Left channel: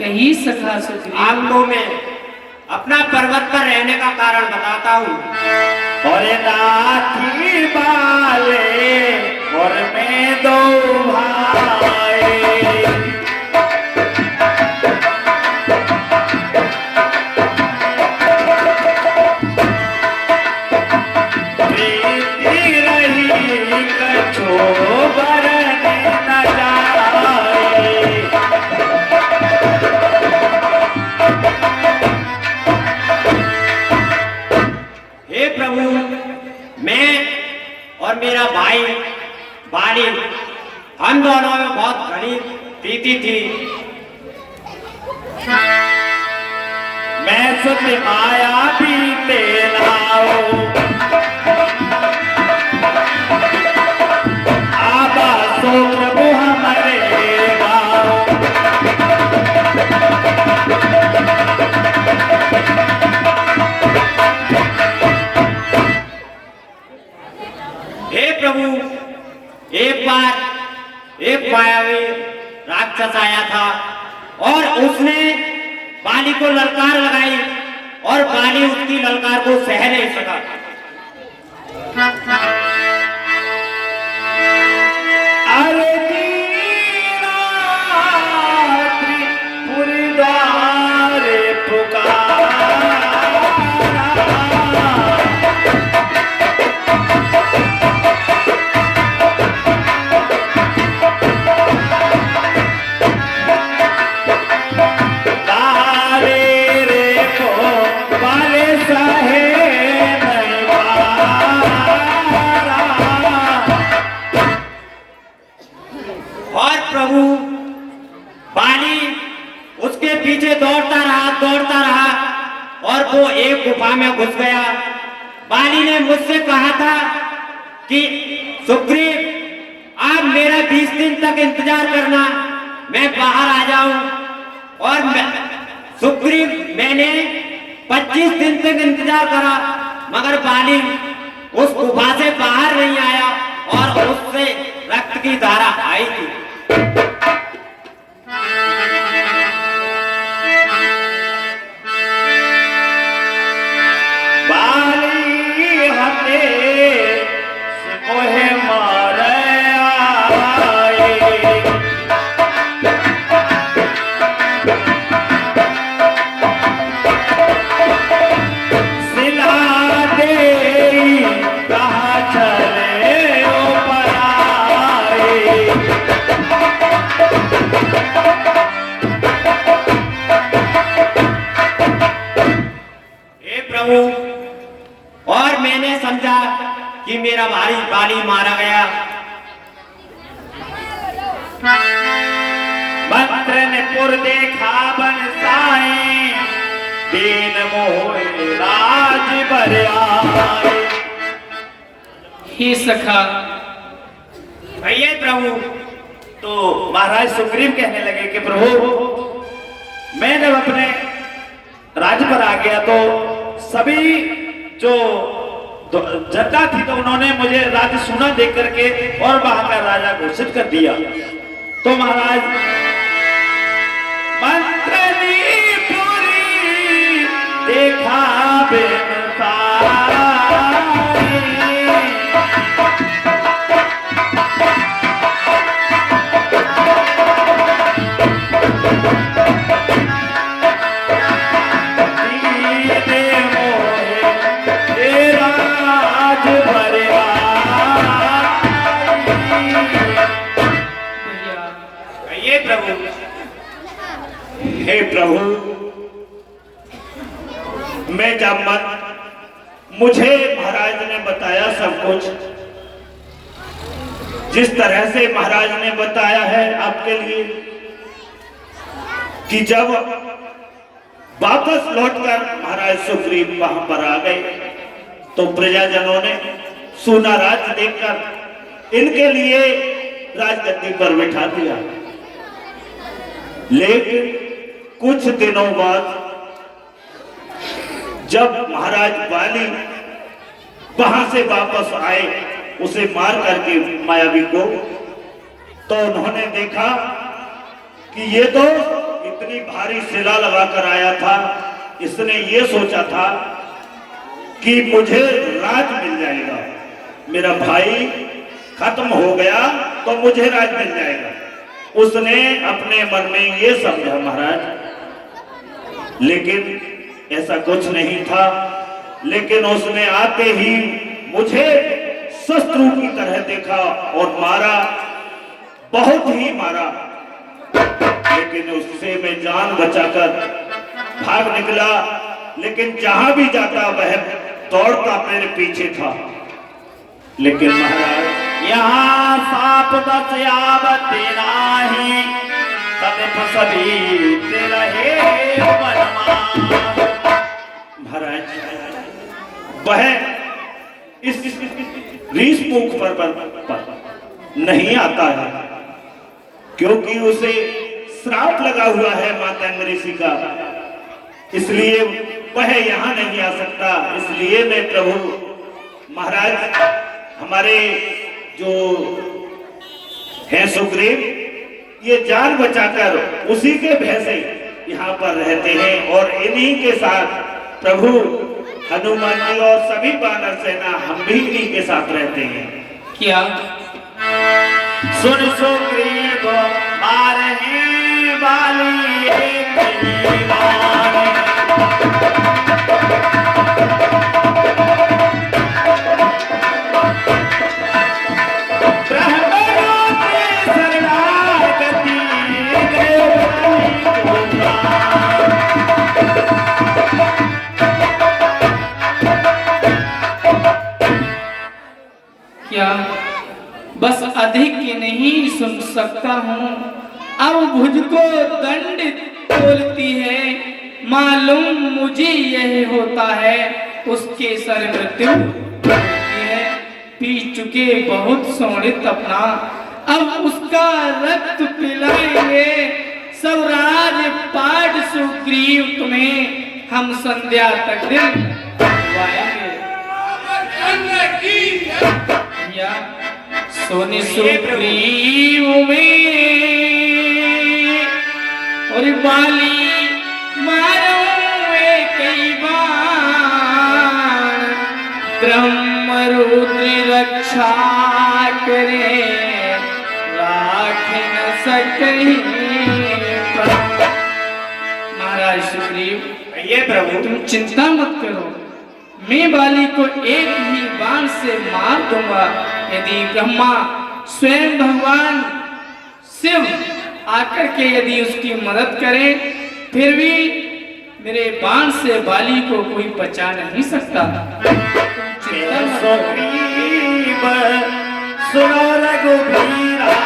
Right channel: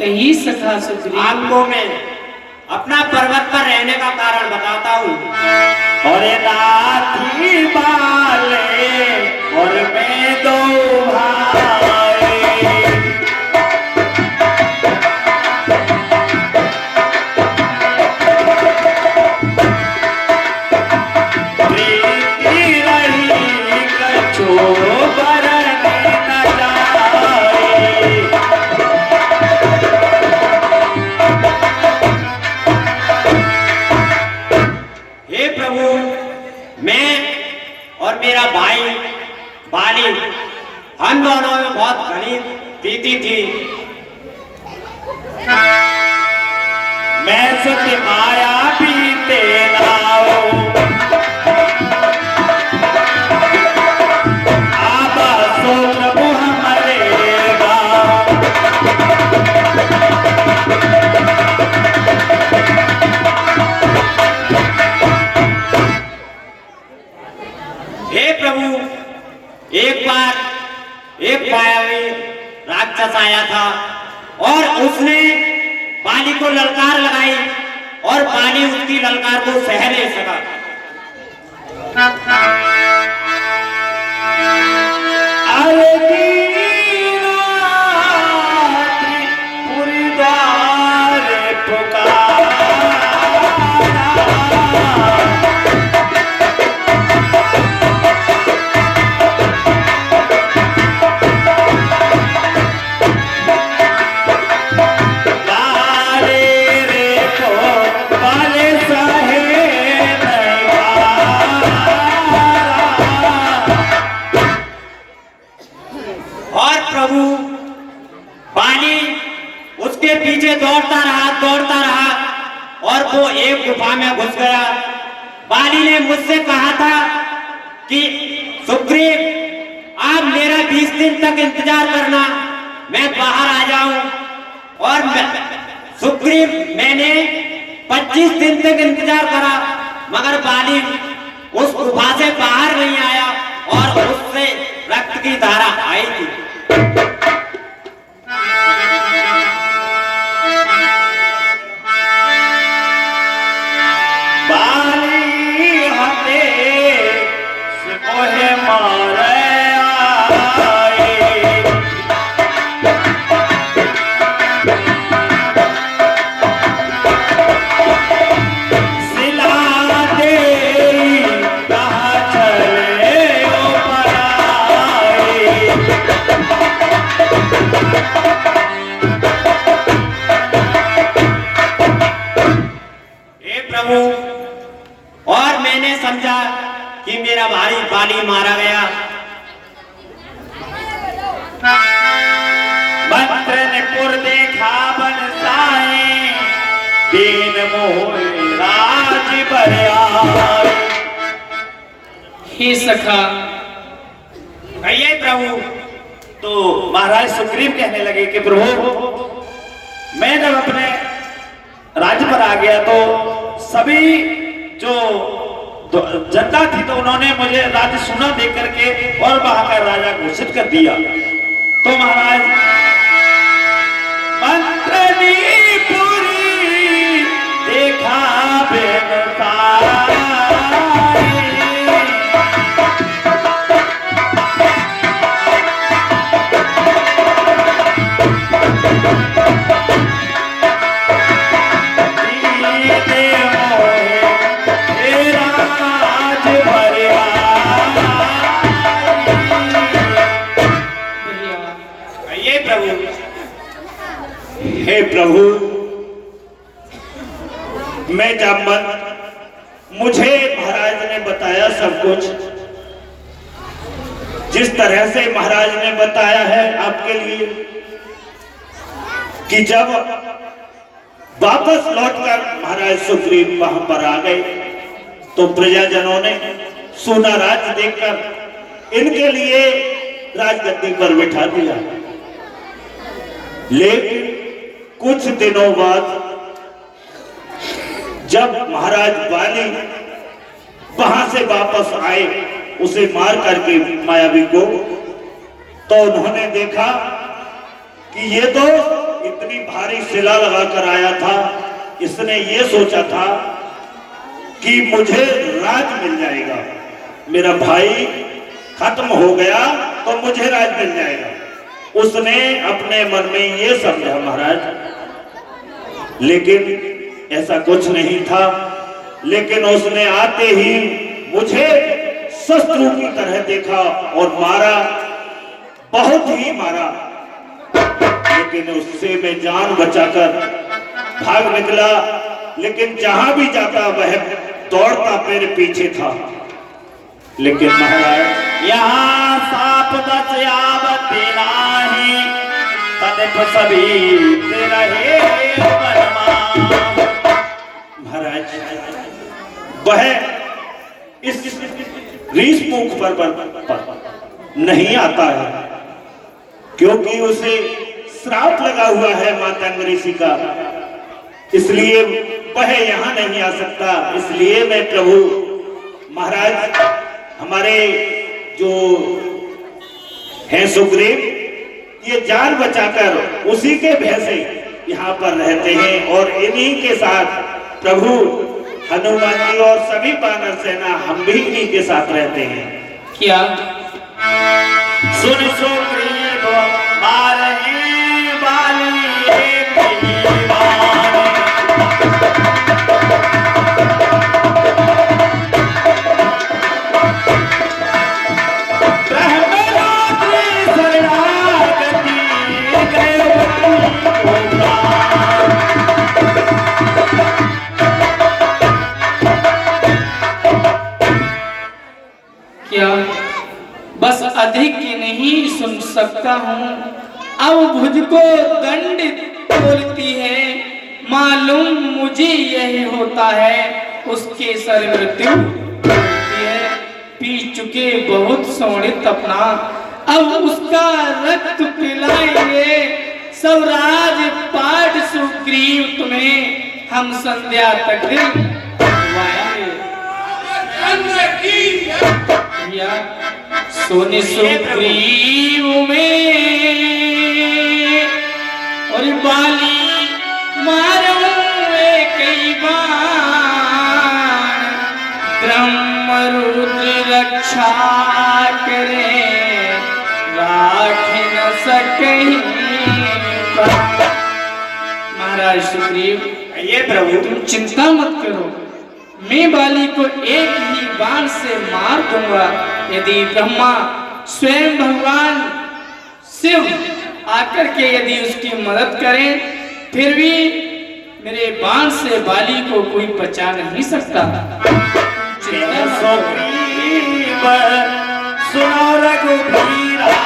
कहीं सखा सुग्रीव। आपको मैं अपना पर्वत पर रहने का कारण बताता हूँ। और नाथी बाले और मैं दो भाई, प्रीति रही कछो बरने न जाए। हे प्रभु, मैं और मेरा भाई बाली, हम दोनों में बहुत घनी प्रीति थी। मैं सत्य माया बीते नाओ, आबा सो प्रभु हमारे गाँव। हे प्रभु, एक बार एक मायावी राक्षस आया था और उसने बाली को ललकार लगाई और बाली उसकी ललकार को सह नहीं सका। अरे त्रिपुरी द्वारे पुकारा, प्रभु बाली उसके पीछे दौड़ता रहा और वो एक गुफा में घुस गया। बाली ने मुझसे कहा था कि सुग्रीव, आप मेरा 20 दिन तक इंतजार करना, मैं बाहर आ जाऊं। और सुग्रीव, मैंने 25 दिन तक इंतजार करा, मगर बाली उस गुफा से बाहर नहीं आया और उससे रक्त की धारा आई थी। बाली हते से मोहे मारे आए, सिला दे कहाँ चले ओ पराए। हे प्रभु, और मैंने समझा कि मेरा भाई बाली मारा गया। भद्र ने पुर देखा बन साए, दीन मोहे राज भरिया। हे सखा, कहिए प्रभु। तो महाराज सुग्रीव कहने लगे कि प्रभु, मैं जब अपने राज्य पर आ गया तो सभी जो जनता थी तो उन्होंने मुझे राज्य सुना दे करके और वहां का राजा घोषित कर दिया। तो महाराज मंत्री पूरी देखा हे प्रभु, मैं जामवंत, मुझे महाराज ने बताया सब कुछ। जिस तरह से महाराज ने बताया है आपके लिए कि जब वापस लौटकर महाराज सुग्रीव वहां पर आ गए तो प्रजाजनों ने सोना राज्य देकर इनके लिए राजगद्दी पर बिठा दिया। लेकिन कुछ दिनों बाद जब महाराज बाली वहां से वापस आए उसे मार करके मायावी को, तो उन्होंने देखा कि ये तो इतनी भारी शिला लगाकर आया था। इसने ये सोचा था कि मुझे राज मिल जाएगा, मेरा भाई खत्म हो गया तो मुझे राज मिल जाएगा। उसने अपने मन में ये समझा महाराज, लेकिन ऐसा कुछ नहीं था। लेकिन उसने आते ही मुझे शत्रु की तरह देखा और मारा, बहुत ही मारा। लेकिन उससे मैं जान बचाकर भाग निकला, लेकिन जहां भी जाता वह दौड़ता मेरे पीछे था। लेकिन महाराज, यहाँ साप बस यावती नाही, तनिप सभी रहे वनमा। महाराज, वह इस रीछ मुख पर नहीं आता है, क्योंकि उसे श्राप लगा हुआ है मातंग ऋषि का, इसलिए वह यहाँ नहीं आ सकता। इसलिए मैं प्रभु महाराज, हमारे जो हैं सुग्रीव, ये जान बचाकर उसी के भय से यहाँ पर रहते हैं और इन्हीं के साथ प्रभु हनुमान जी और सभी वानर सेना हम भी इन्हीं के साथ रहते हैं। क्या सुन सुग्रीव मारहे बाली क्या बस अधिक की नहीं सुन सकता हूँ। अब भुज को दंड तोलती है, मालूम मुझे यही होता है, उसके सर मृत्यु होती है। पी चुके बहुत सोनित अपना, अब उसका रक्त पिलाएंगे। सब राज पाठ सुग्रीव तुम्हें हम संध्या तक दिन या सोने सुग्रीव में और बाली मारूं कई बार, ब्रह्म रुद्र रक्षा करे, राख न सकहीं प्राण। महाराज सुग्रीव, ये प्रभु तुम चिंता मत करो, मैं बाली को एक ही बाण से मार दूंगा। यदि ब्रह्मा स्वयं भगवान शिव आकर के यदि उसकी मदद करें, फिर भी मेरे बाण से बाली को कोई बचा नहीं सकता। सुनो रघुबीरा,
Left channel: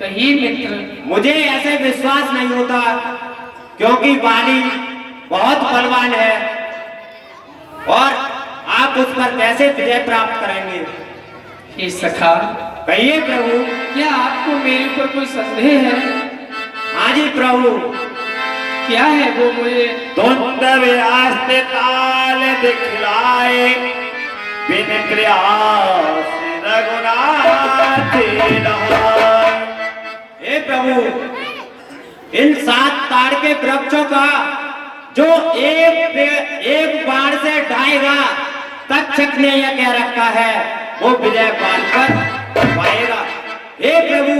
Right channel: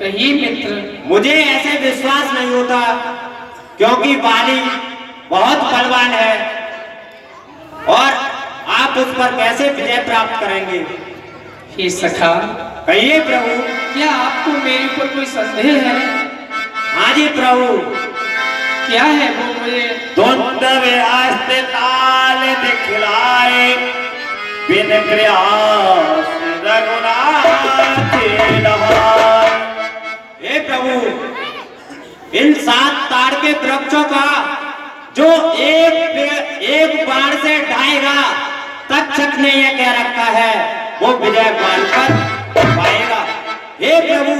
कहिए मित्र। मुझे ऐसे विश्वास नहीं होता, क्योंकि बाली बहुत बलवान है और आप उस पर कैसे विजय प्राप्त करेंगे? हे सखा, कहिए प्रभु। क्या आपको मेरे ऊपर कोई संदेह है? हाँ जी प्रभु। क्या है वो मुझे? धुंध विरासते काल दिखलाए, बिन प्रयास रघुनाथ रहाए। हे प्रभु, इन 7 ताड़ के वृक्षों का जो एक बाण से ढाएगा, तक्षक ने यह कह रखा है वो विजय पाकर पाएगा। हे प्रभु,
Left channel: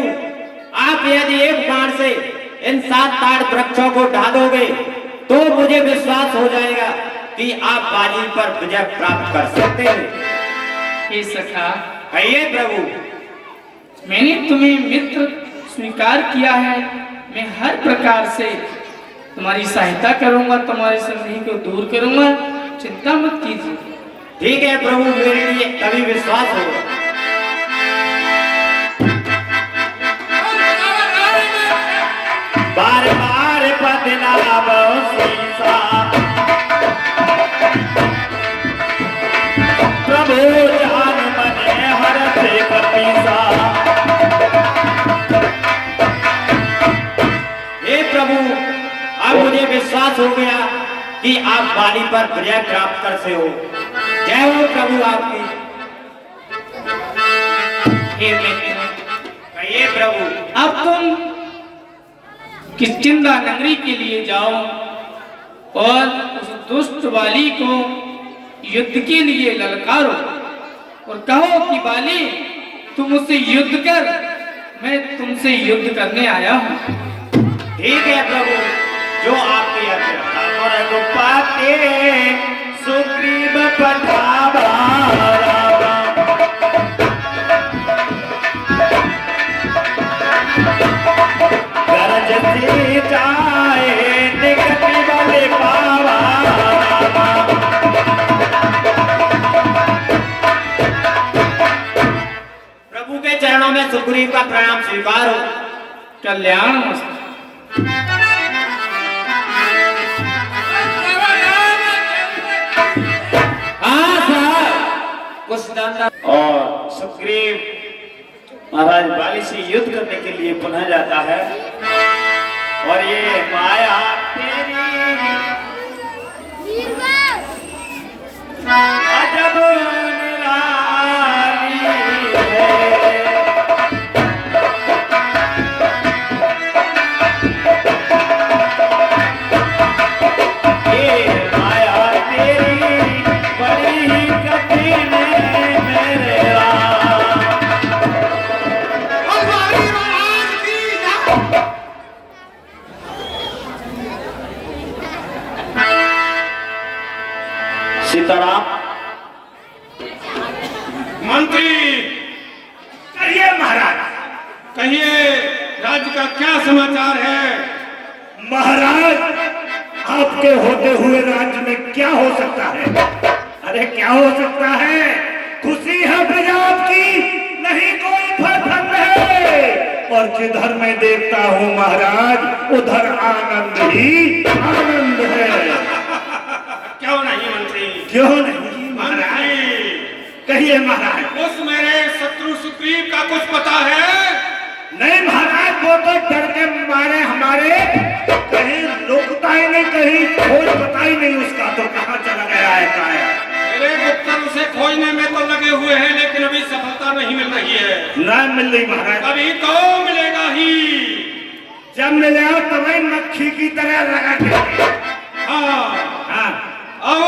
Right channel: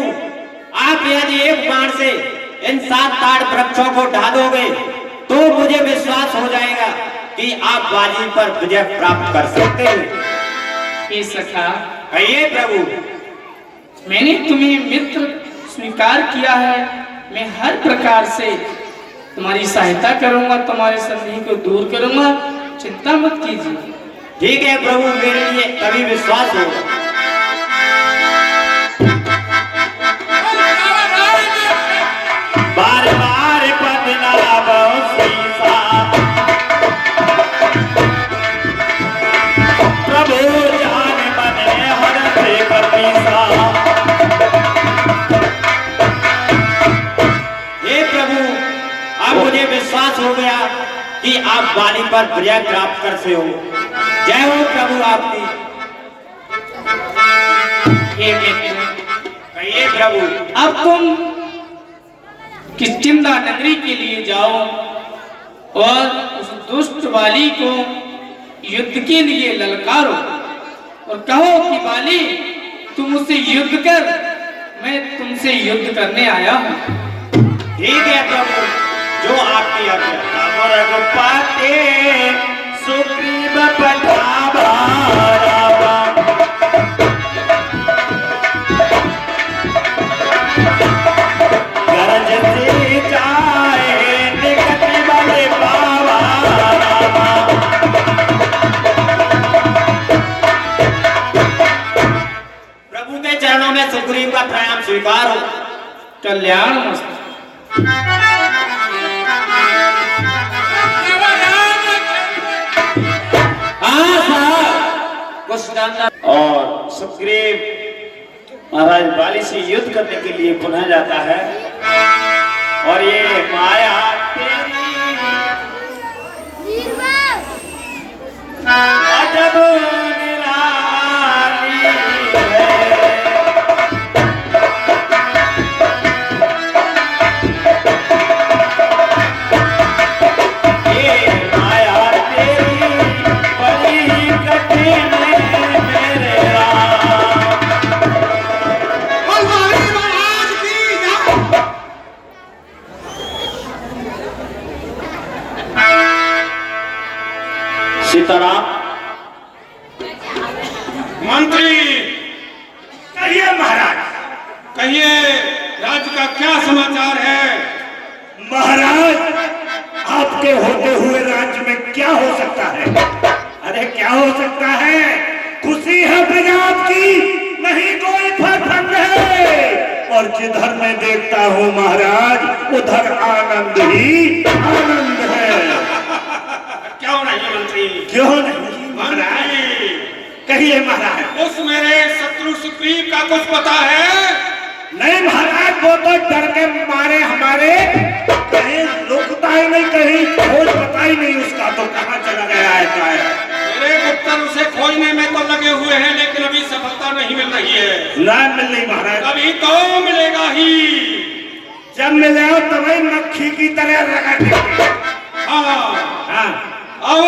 आप यदि एक बाण से इन 7 ताड़ वृक्षों को ढा दोगे तो मुझे विश्वास हो जाएगा कि आप बाली पर विजय प्राप्त कर सकते हैं। हे सखा, कहिए प्रभु। मैंने तुम्हें मित्र स्वीकार किया है, मैं हर प्रकार से तुम्हारी सहायता करूंगा, तुम्हारे संदेह को दूर करूंगा, चिंता मत कीजिए। ठीक है प्रभु, मेरे लिए कभी विश्वास हो। बार बार बदलाव सीसा, प्रभु जान मने हर से कपीसा। आप बाली पर विजय प्राप्त कर से हो। जय हो प्रभु आपकी। हे मित्र, कहिए प्रभु। अब तुम किष्किंधा नगरी के लिए जाओ और उस दुष्ट बाली को युद्ध के लिए ललकारो और कहो कि बाली तुम मुझसे युद्ध कर, मैं तुमसे युद्ध करने आया हूँ। ठीक है प्रभु, जो आपकी आज्ञा। और पाते सुग्रीव पठावा गरजते जाए निकट वाले पावा। प्रभु के चरणों में सुग्रीव का प्रणाम स्वीकार हो। कल्याण मस्त। और सुग्रीव महाराज बाली से युद्ध करने के लिए पुनः जाता है। और ये माया तेरी अजब निराली है। ये माया तेरी बड़ी कठिन है मेरे राम। सीताराम मंत्री, कहिए महाराज। कहिए राज्य का क्या समाचार है? महाराज, आपके होते हुए राज्य में क्या हो सकता है? अरे क्या हो सकता है? खुशी है प्रजा आपकी, नहीं कोई फर्क है। और जिधर मैं देखता हूँ महाराज, उधर आनंद ही आनंद है। क्यों नहीं मंत्री? क्यों नहीं महाराज? मंत्री, कहिए महाराज। उस मेरे शत्रु सुग्रीव का कुछ पता है? नहीं महाराज, वो तो डर के मारे हमारे कहीं रुकता ही नहीं, कहीं खोज पता ही नहीं उसका, तो कहाँ चला गया है। मेरे गुप्तचर उसे खोजने में तो लगे हुए हैं, लेकिन अभी सफलता नहीं मिल रही है। ना मिल रही महाराज। अभी तो मिलेगा ही। जब मिले तभी मक्खी की तरह रगड़। हाँ हाँ, आओ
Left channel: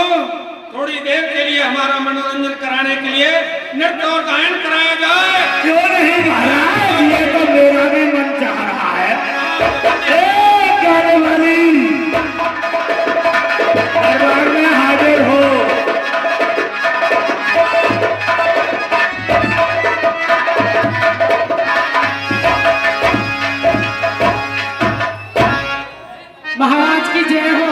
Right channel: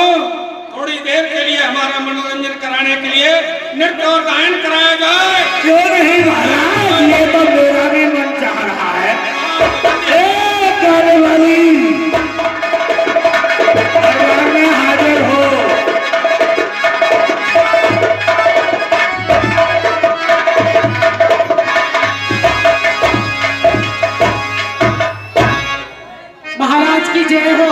थोड़ी देर के लिए हमारा मनोरंजन कराने के लिए नृत्य और गायन कराया जाए। क्यों नहीं महाराज, ये तो मेरा भी मन चाह रहा है। दरबार में हाजिर हो। महाराज की जय हो।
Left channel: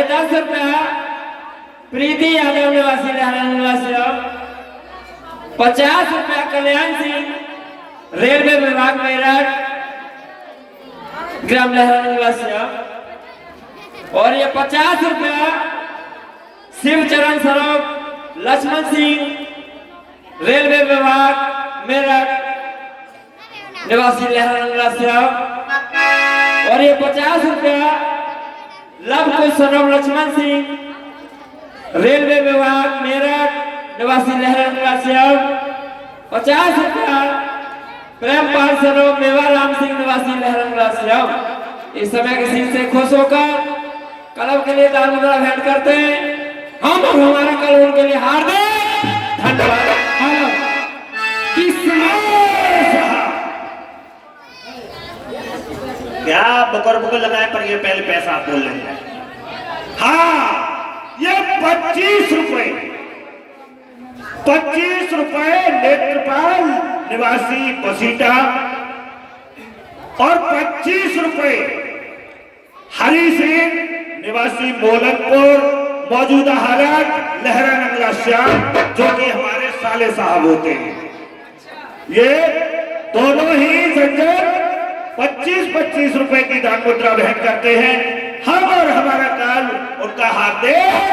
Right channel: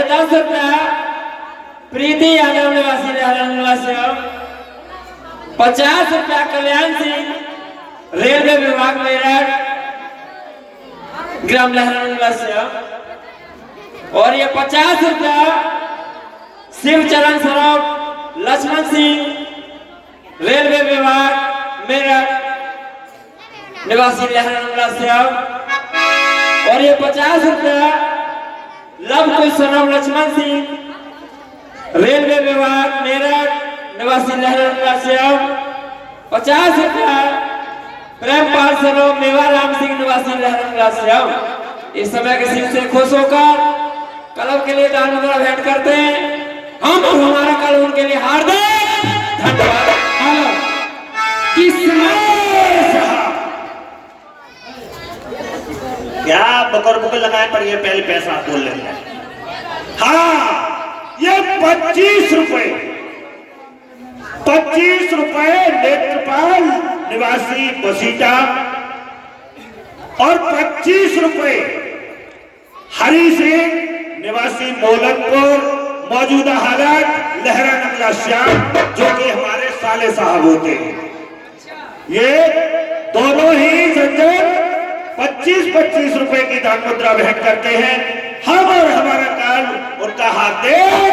ये 10 रुपया प्रीति यादव निवासी लहरा निवासी, 50 रुपया कल्याण सिंह रेलवे विभाग मेरठ ग्राम लहरा निवासी, और ये 50 रुपया शिवचरण सरोव लक्ष्मण सिंह रेलवे विभाग मेरठ निवासी लहरा निवासी, और ये 50 रुपया लव कुश सरोव लक्ष्मण सिंह रेलवे विभाग मेरठ निवासी लहरा निवासी, 50 रुपया प्रेमपाल सरोव मेवा राम सिंह निवासी लहरा निवासी। इस समय किसी से खुश होकर क्लब के लिए दान मुद्रा भेंट करते हैं हम, और हमारा क्लब उनके लिए हार्दिक धन्यवाद। किस्मत क्या बकर बुके लगाए पर ये पहले पैसा आप बोल लेंगे। हाँ, ये 25 रुपए नेत्रपाल निवासी बसीटा, और 25 रुपए हरी सिंह निवासी मोलनपुर मौजूदा हालत लहरा नंगला श्याम, जो कि हमारे साले साहब होते हैं। ये दोनों ही जंजर 25-25 रुपए की दान मुद्रा भेंट करते हैं हम, और हमारा काल उनका हार्दिक।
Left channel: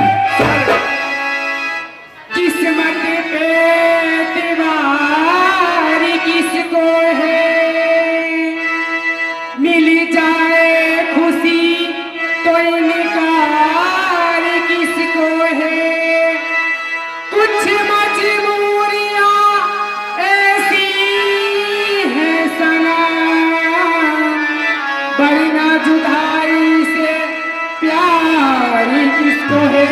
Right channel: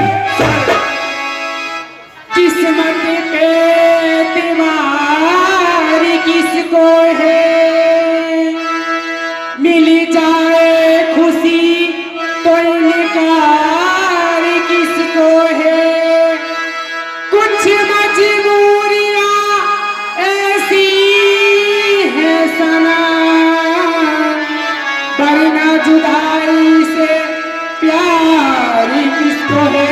किस्मत पे तिवारी किसको है, मिली जाए खुशी तो इनकार किसको है, कुछ मजबूरियां ऐसी है सना, वरना जुदाई से प्यार किसको है।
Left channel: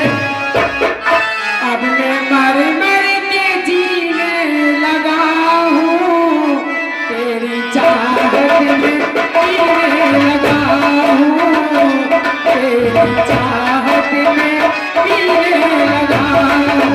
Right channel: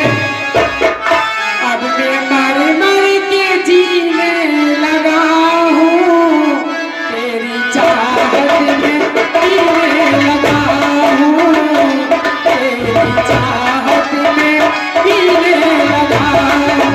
अब मैं मर मर के जीने लगा हूँ, तेरी चाहत में पीने लगा हूँ, तेरी चाहत में पीने लगा हूँ।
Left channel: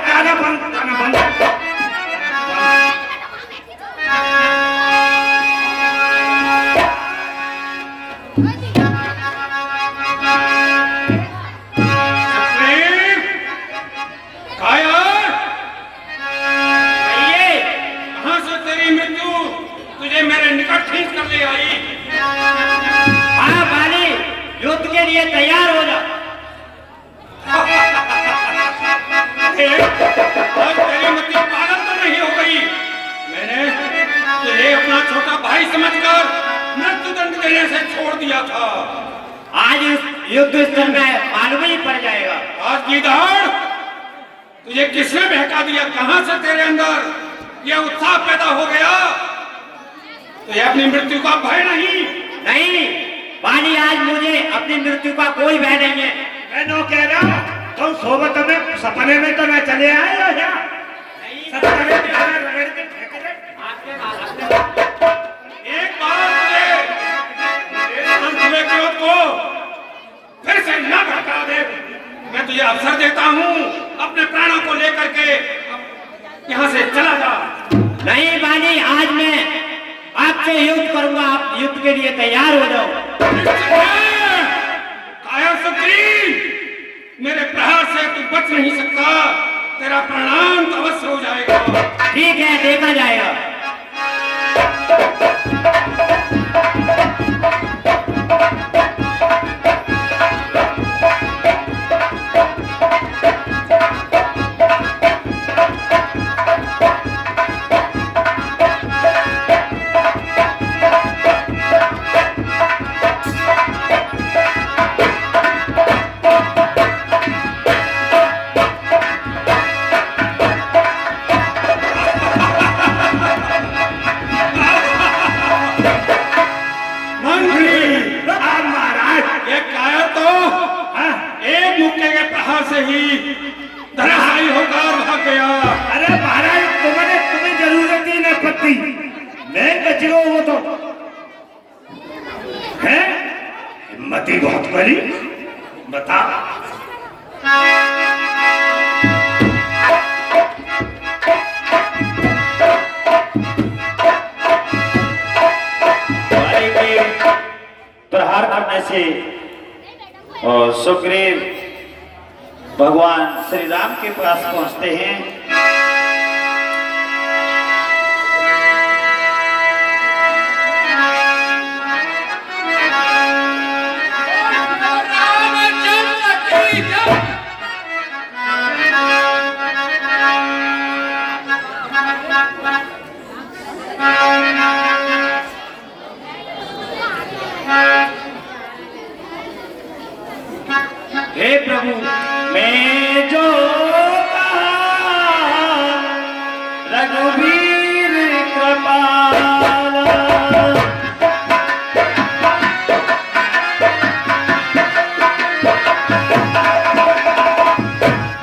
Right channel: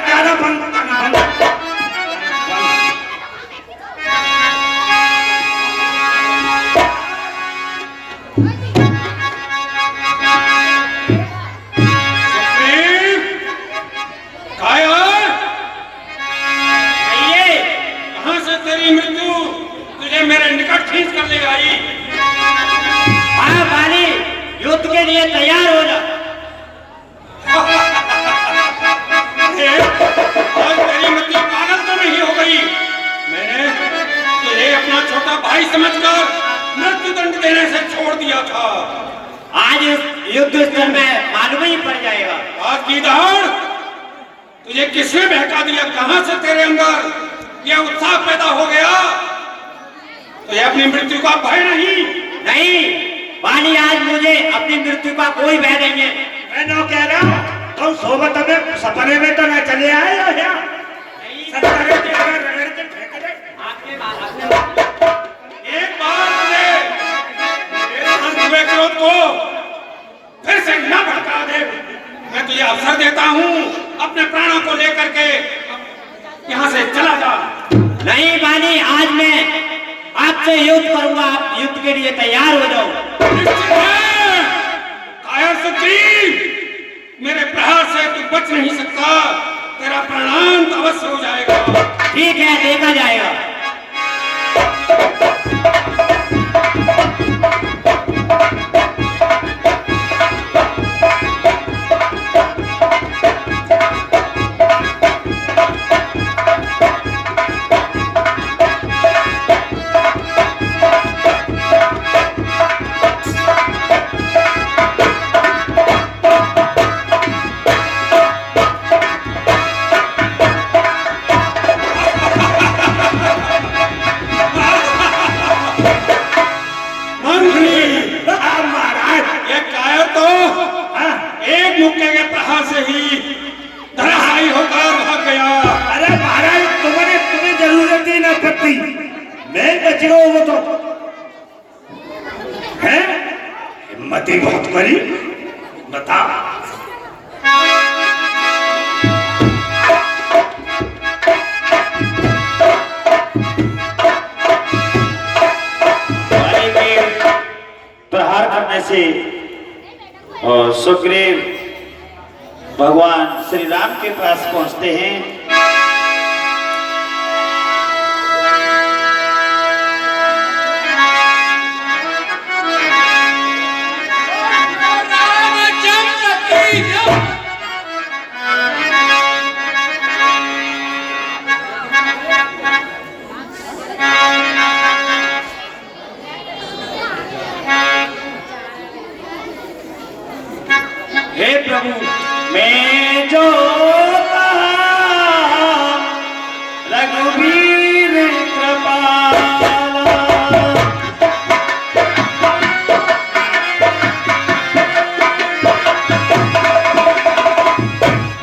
गाना बंद, गाना बंद। कहां से तेरी मृत्यु तुझे मेरे निकट खींच कर ले आई। हाँ बाली, युद्ध के लिए तैयार हो जा। आज तेरी मृत्यु पागल तो नहीं हो गई। मैंने तुझे अपना छोटा भाई समझकर मृत्यु दंड देने से छोड़ दिया था। आज इस युद्ध स्थल में मालूम ही पड़ जाएगा। आज की दहाड़ तुझे किसने बहका दिया? कहां से तेरे अंदर यह उत्साह पैदा हो गया? तुझे अपनी मृत्यु का भय नहीं? नहीं बाली, आज मुझे अपनी मृत्यु का कोई भय नहीं है। मैं नो कह रहा हूँ, तुम सोबत में सपने में तो ना चले आए हो क्या? एक बार क्रोध को फिर से न भड़का दे। मैं तुझे अवसर देता हूँ, अपने प्राणों को लेकर के यहाँ से चला जा। नहीं बाली, आज मैं आपसे युद्ध करूंगा। आप युद्ध के लिए तैयार हो जाओ। कायर सुग्रीव, मेरे प्रहार से तू बच नहीं सकता। तेरा प्राणांत अवश्य हो जाएगा। ठीक है, देखा जाएगा। एक मुक्के के प्रहार से ही धराशायी होकर भाग गया। गलती बहुत करी, बता। प्रहार करने से और सुग्रीव भगवान श्री राम के पास पहुंचते हैं। हे प्रभु, मैं जो रघुवीर कृपाल,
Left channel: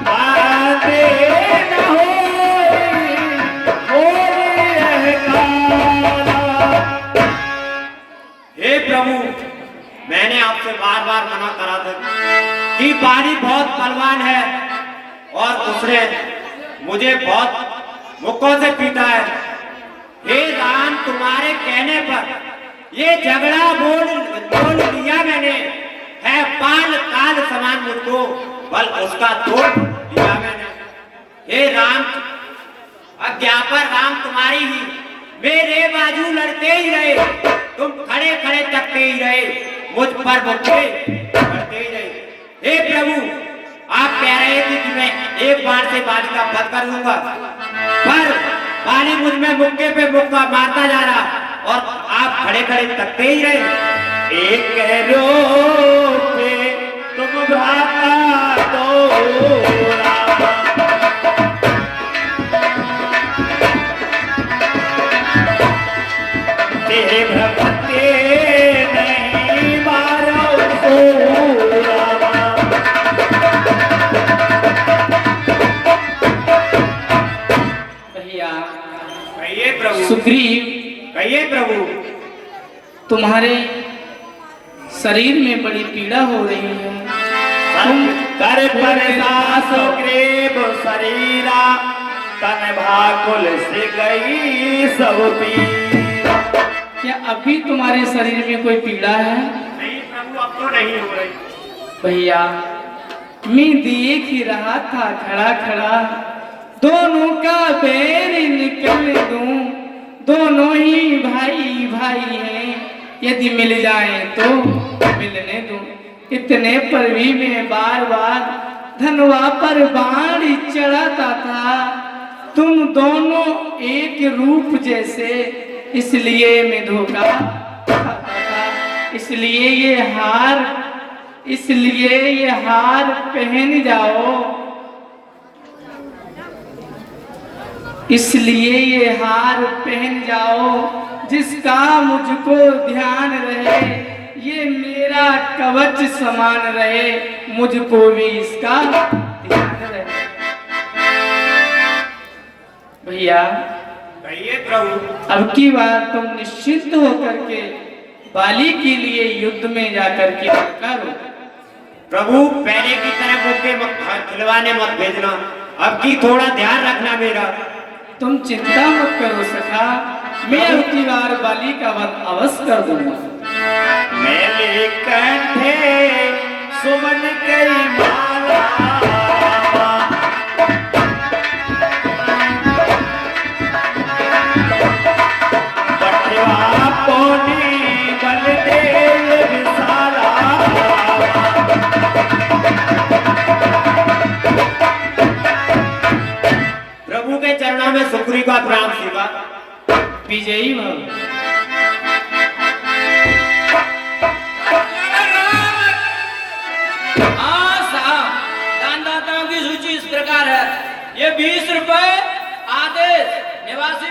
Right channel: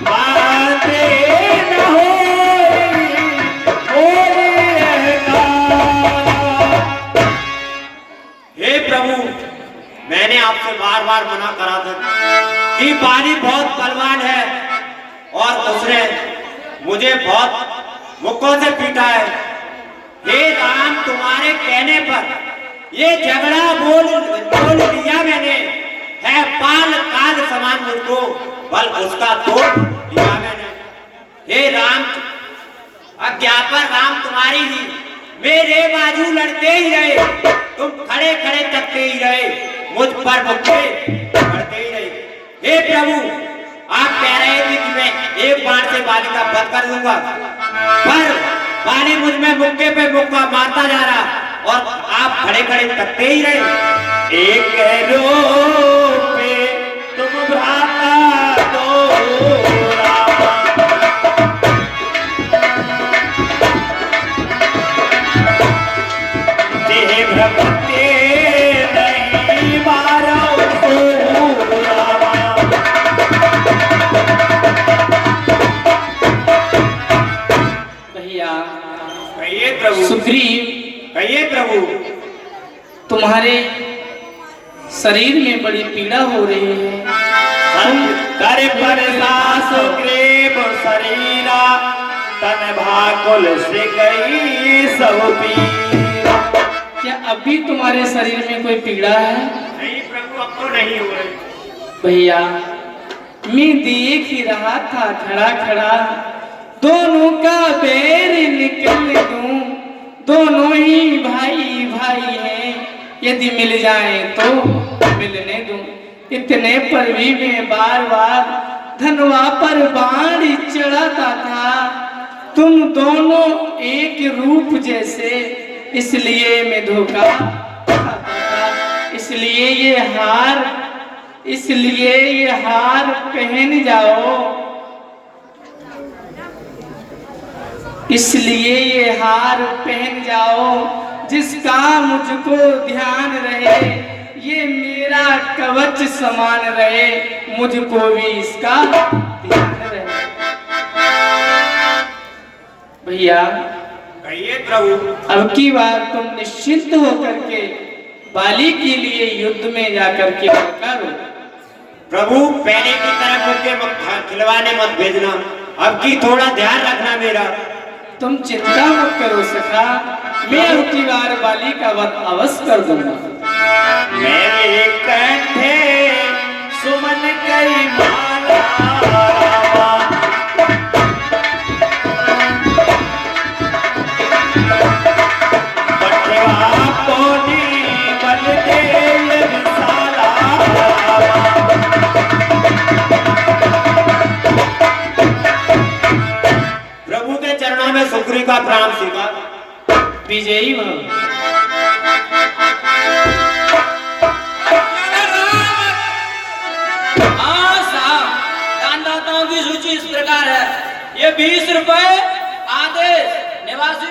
बातें न होए हे प्रभु, मैंने आपसे बार बार मना करा था कि बाली बहुत बलवान है और उसने मुझे बहुत मुक्कों से पीटा है। हे राम, तुम्हारे कहने पर ये झगड़ा बोल लिया मैंने, है पाल काल समान मुझको बल उसका तोड़ लिया मैंने। हे राम, आज्ञा पर राम तुम्हारी ही, मेरे बाजू लड़ते ही रहे, तुम खड़े खड़े तकते ही रहे, मुझ पर मुक्के करते ही रहे। हे प्रभु, आप कह रहे थे कि मैं एक बार से बाली का वध कर लूंगा, पर बाली मुझ में मुक्के पे मुक्का मारता जा रहा और आप खड़े खड़े तकते ही रहे। एक रो पे तुम भ्राता दो सुग्रीव, कहिए प्रभु। तुम्हारे शरीर में बड़ी पीड़ा हो रही है। तुम कर सुग्रीव शरीरा, तन भाकुल से गई सब पीड़ा। क्या अभी तुम्हारे शरीर में कोई पीड़ा है? नहीं प्रभु, अब तो नहीं हो रही। भैया, मैं देख ही रहा था खड़ा खड़ा, दोनों का बैर निकल दूं, दोनों ही भाई भाई हैं, यदि मिल जाए तो मिलने दूं। इतने पर भी मैं बार बार धनवा पर बाण चढ़ाता था, तुम दोनों एक रूप जैसे, इसलिए मैं धोखा खाता था। इसलिए ये हार पहन जाओ, इसलिए ये हार पहन जाओ, जिसका मुझको ध्यान रहे, ये मेरा कवच समान रहे, मुझको भी इसका ध्यान रहे। भैया, कहिए प्रभु। अब की बार तुम निश्चिंत होकर के बाली के लिए युद्ध में जाकर के करो। प्रभु, पहले की तरह मुझके खिलवाने मत भेजना, अब की थोड़ा ध्यान रखना मेरा। तुम चिंता मत करो सखा, मैं अब की बार बाली का वध अवश्य कर दूंगा। मेरे कंठे सुमन करी माला, प्रभु के चरणों में सुग्रीव का प्रणाम स्वीकार। विजयी भव। दानदाताओं की सूची इस प्रकार है। ये 20 रुपए आदेश निवासी।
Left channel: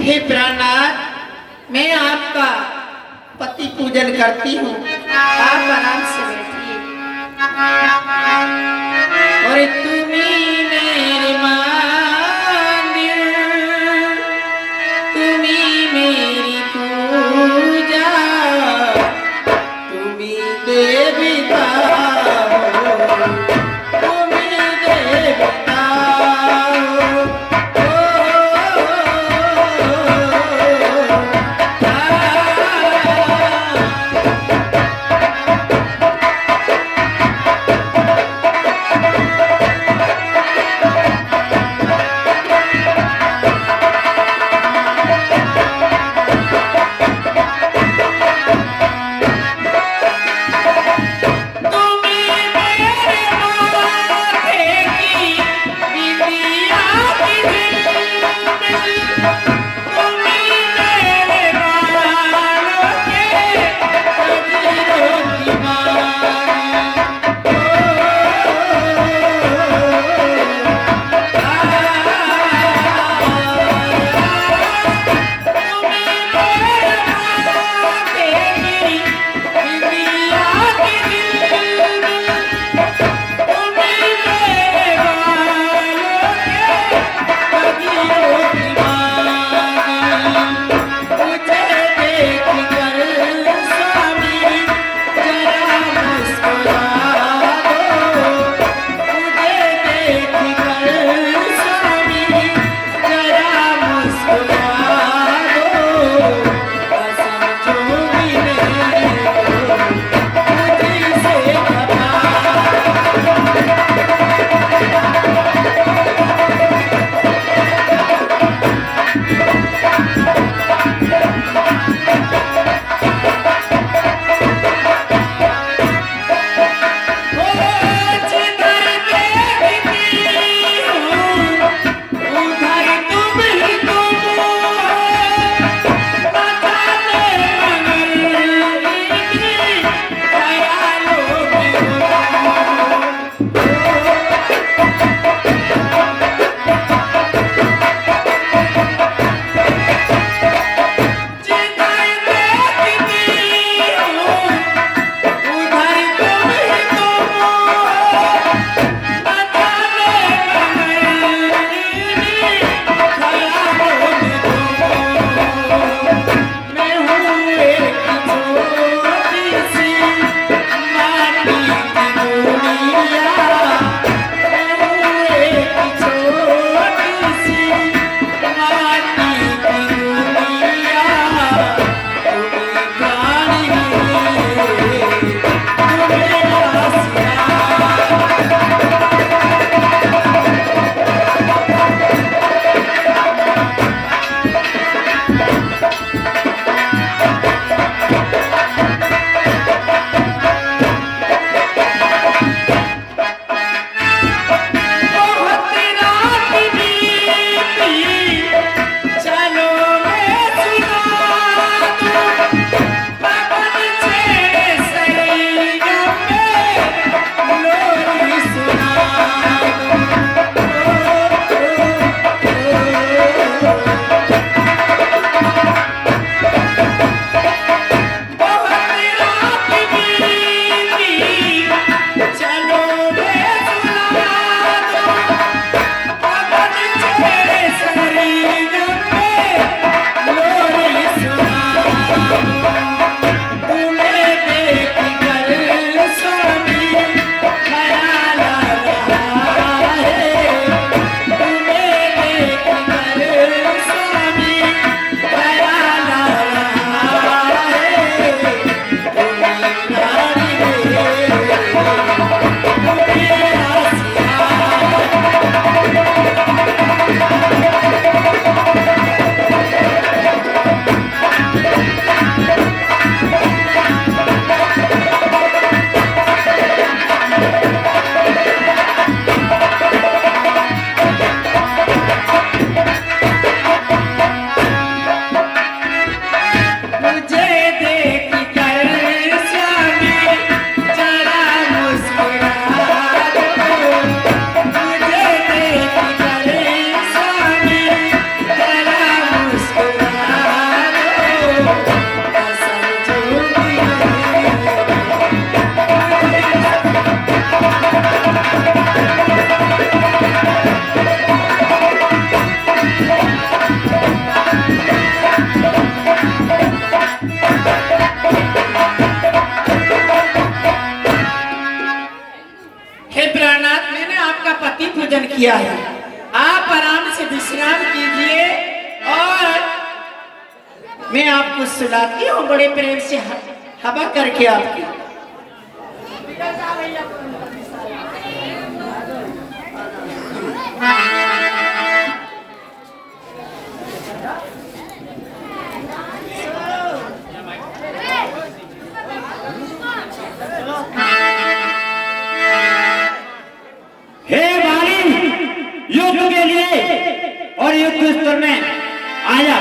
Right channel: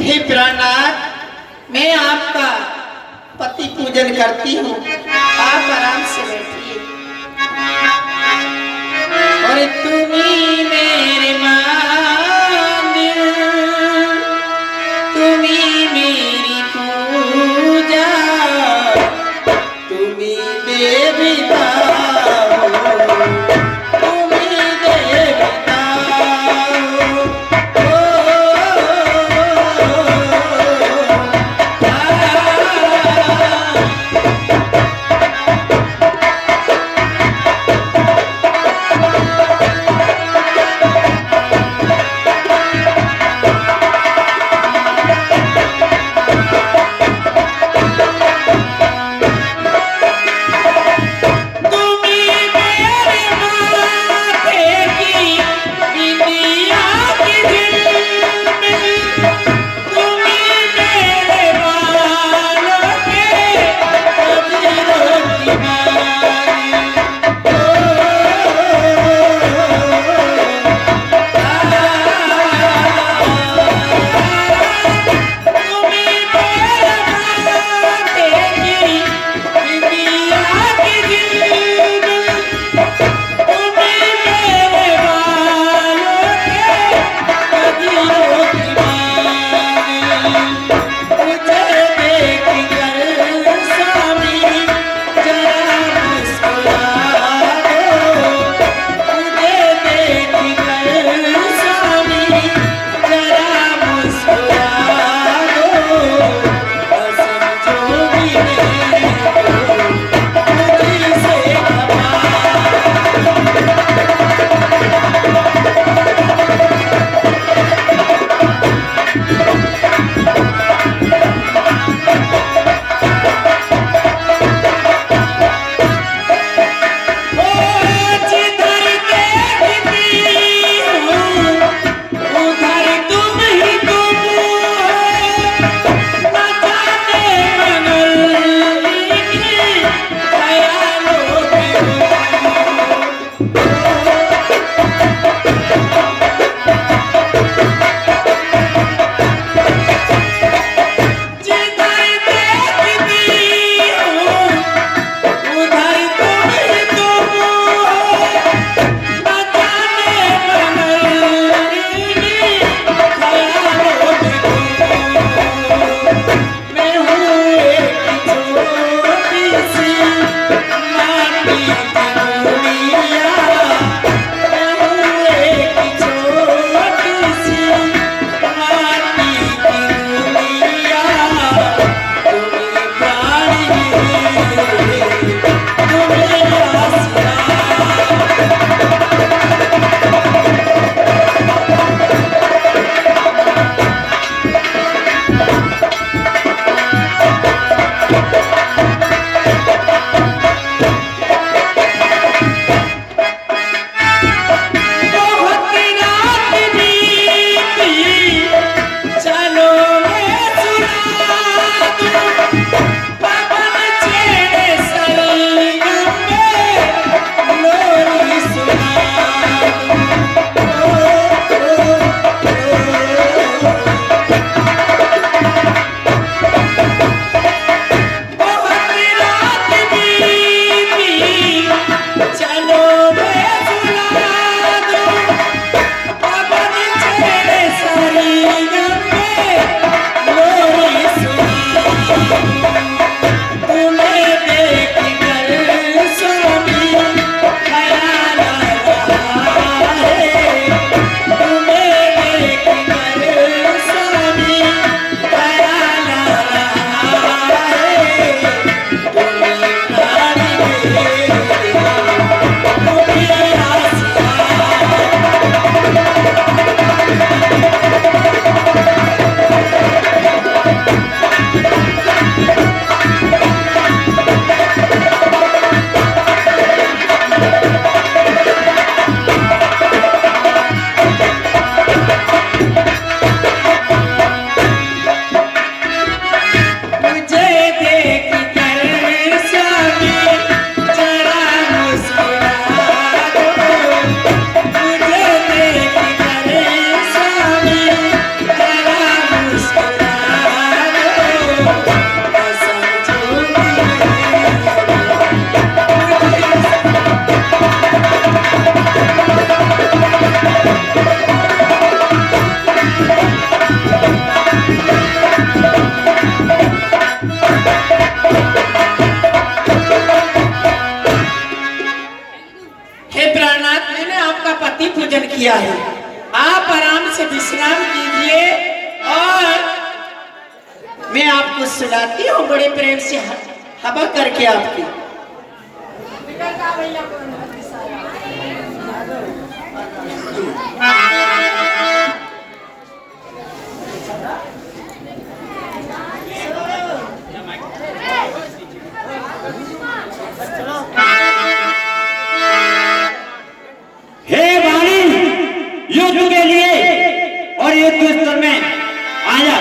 हे प्राणनाथ, मैं आपका पति पूजन करती हूँ, आप आराम से बैठिए। और तुम्ही मेरे मंदिर, तुम्ही मेरी पूजा, से विश्राम कीजिए और मैं आपको सुलाती हूँ बड़े प्रेम से हवा करके आपकी। हे वाली, युद्ध के लिए और युद्ध स्थल में आया।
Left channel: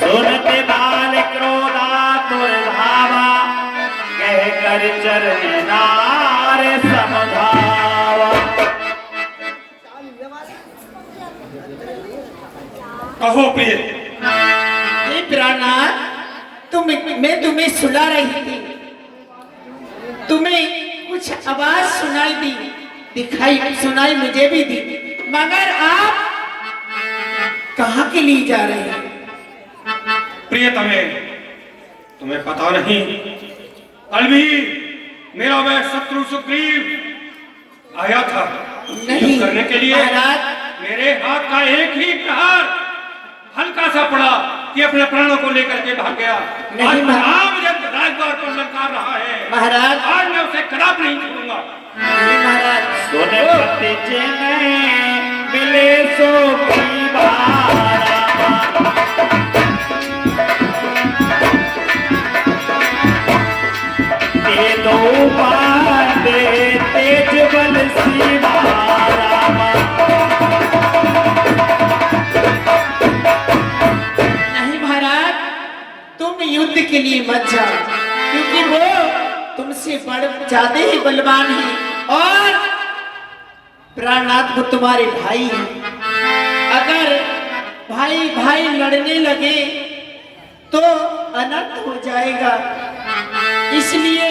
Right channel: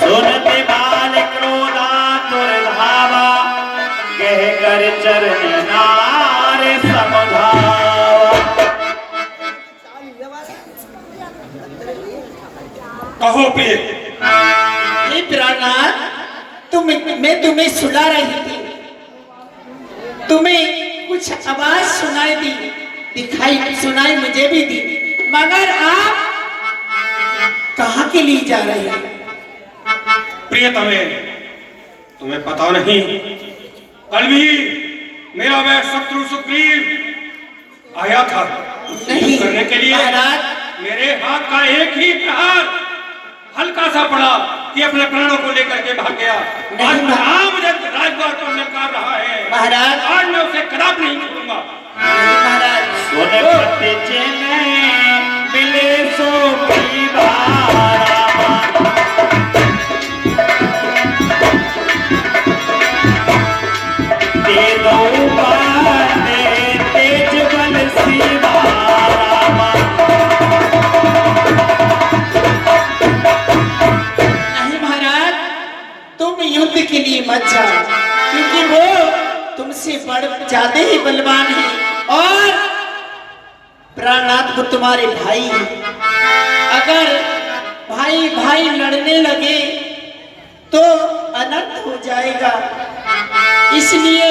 सुनते बाल क्रोधा तुर धावा, कह कर चरण नार समझावा। कहो प्रिय, हे प्राणनाथ, मैं तुम्हें सुला रही थी। तुम्हें कुछ आवाज सुनाई दी, दिखाई सुनाई मुझे भी दी, मगर आप कहाँ के लिए जा रहे हैं? प्रियतमे, तुम्हें पता नहीं, कल भी मेरा वह शत्रु सुग्रीव आया था उससे युद्ध करने के लिए। महाराज, मेरे हाथ का एक ही प्रहार हल्का सा पड़ा कि अपने प्राणों को लेकर के भाग गया। नहीं, आज महाराज। राम जब राजद्वार पर ललकार रहा है, महाराज। आज मैं उसे कदापि नहीं छोड़ूंगा। नहीं महाराज, सुन पतिचे में मिले सो की बारा, दे दो बांधे तेज बल सिवारा। नहीं महाराज, तुम युद्ध के लिए मत जाओ, क्योंकि वो तुमसे ज्यादा ही बलवान है और प्राणनाथ वो तुम्हारे भाई हैं। अगर भाई भाई लड़ने लगे तो अनर्थ हो जाएगा, इसलिए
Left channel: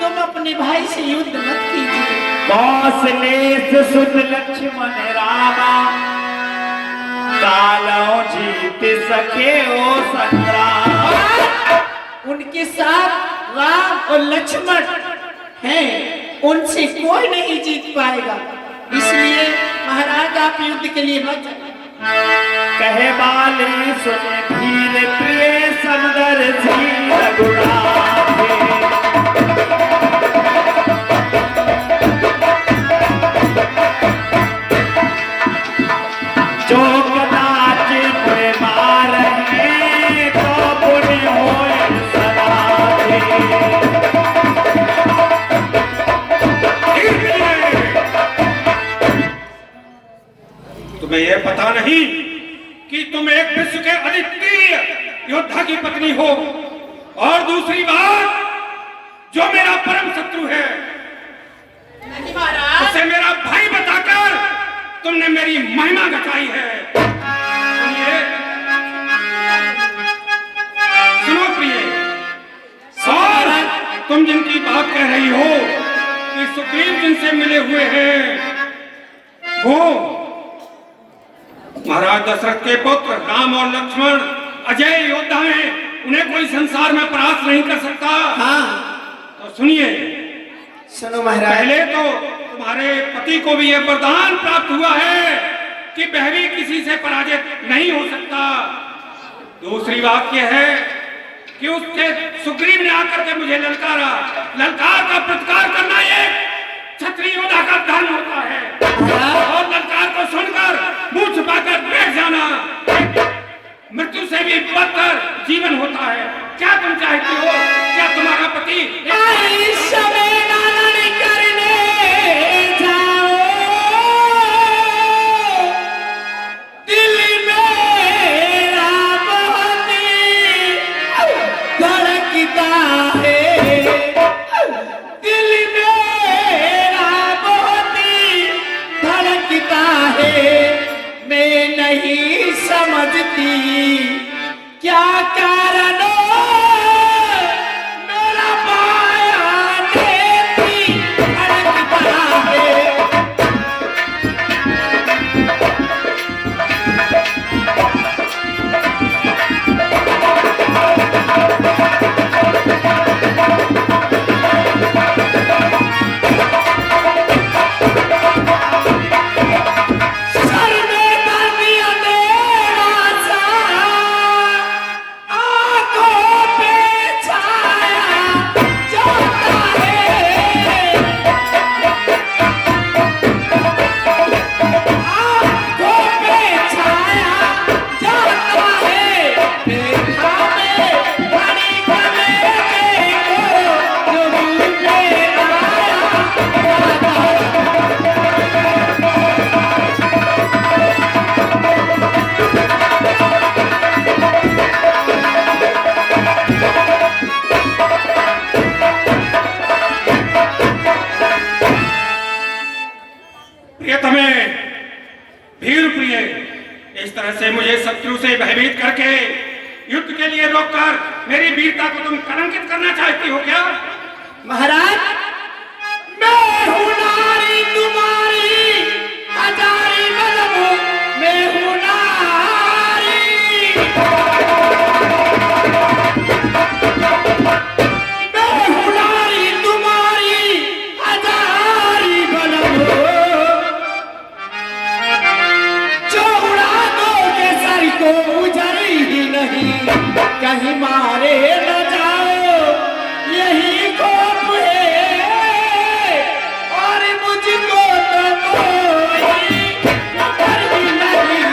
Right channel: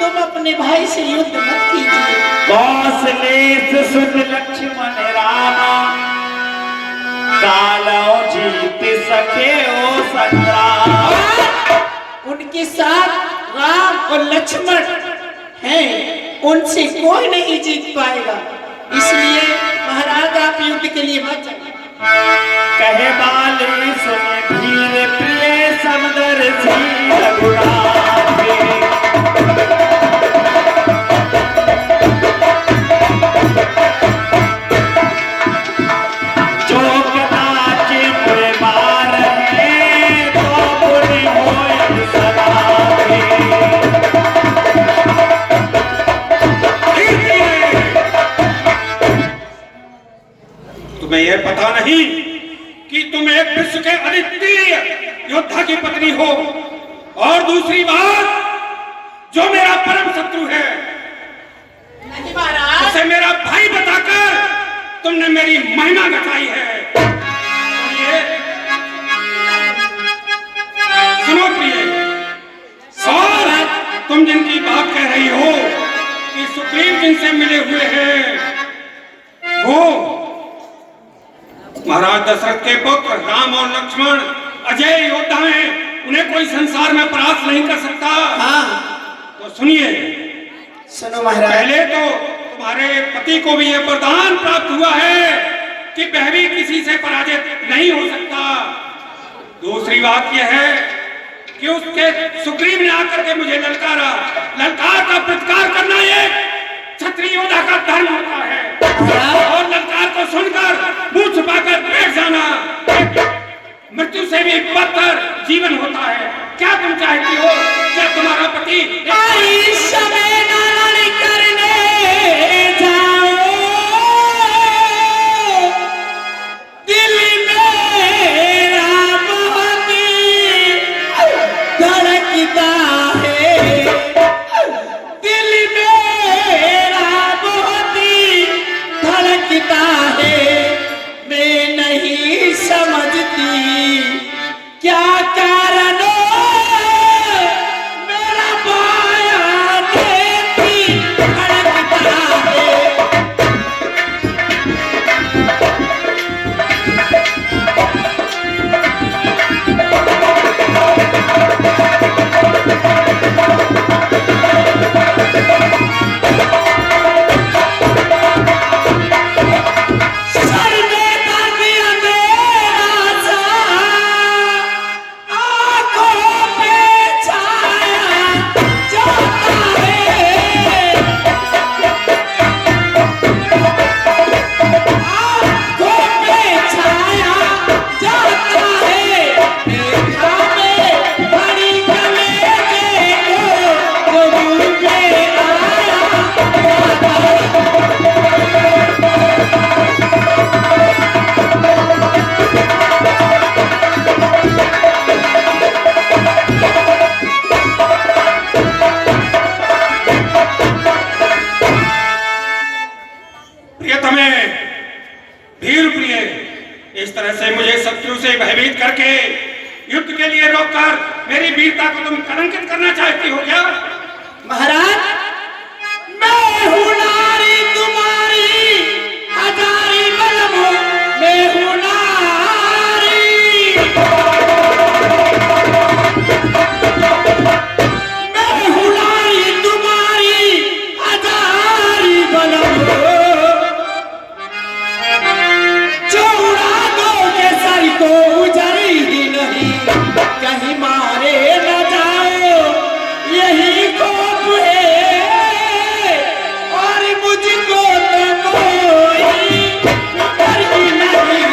तुम अपने भाई से युद्ध मत कीजिए। कौशलेश सुत लक्ष्मण रामा, कालों जीत सके ओ संग्राम। और उनके साथ राम और लक्ष्मण हैं, उनसे कोई नहीं जीत पाएगा, इसलिए महाराज आप युद्ध के लिए मत जाइए। कहे बाली सुने भील प्रिय समदर झील गुणावे। जो कदाचित मुझे मार है तो पुण्य होय सदावे। तुम्हें यह पता नहीं कि तुम एक विश्व के अद्वितीय योद्धा की पत्नी हो, और दूसरी बात, जो मेरा परम शत्रु है नहीं महाराज, उसे मेरा भाई बताकर तुमने मेरी महिमा घटाई है। सुनिए, सुनो प्रिय, और तुम जिनकी बात कह रही हो कि सुग्रीव जिनसे मिले हुए हैं, वो महाराज दशरथ के पुत्र राम और लक्ष्मण अजय योद्धा हैं, उन्हें कोई संसार में परास्त नहीं कर सकता। हाँ तो सुनिए, सुनो महाराज, पहले तो तुम्हारे पति को भी यह वरदान प्राप्त हुआ है कि वह भी किसी से पराजित नहीं हो सकता। दूसरी बात यह है कि उसके सुग्रीव ने आकर के मुझे ललकारा। ललकार का प्रतिकार करना ये क्षत्रिय योद्धा का धर्म होता है, और ललकार को सुनकर मुंह छुपाकर बैठ जाना मृत्यु से भी बदतर जीवन होता है। क्या तुम चाहती हो? क्या तुम्हारा पति करने जाओ, दिल मेरा बहुत धड़कता है, दिल मेरा बहुत धड़कता है, मैं नहीं समझती क्या कारण मेरा माया ने भी धड़कता है। सर में वीर प्रिय, इस तरह से मुझे शत्रु से भयभीत करके युद्ध के लिए रोककर मेरी वीरता को तुम कलंकित करना चाहती हो क्या? महाराज, मैं हूँ नारी तुम्हारी, हजारी बलम मैं हूँ नारी। मैं हूँ नारी तुम्हारी, हजारी बलम, जो उड़ा दोगे सर को उजड़ी नहीं, कहीं मारे न जाओ यही कोप है, और मुझको तो कोई खबर ही नहीं।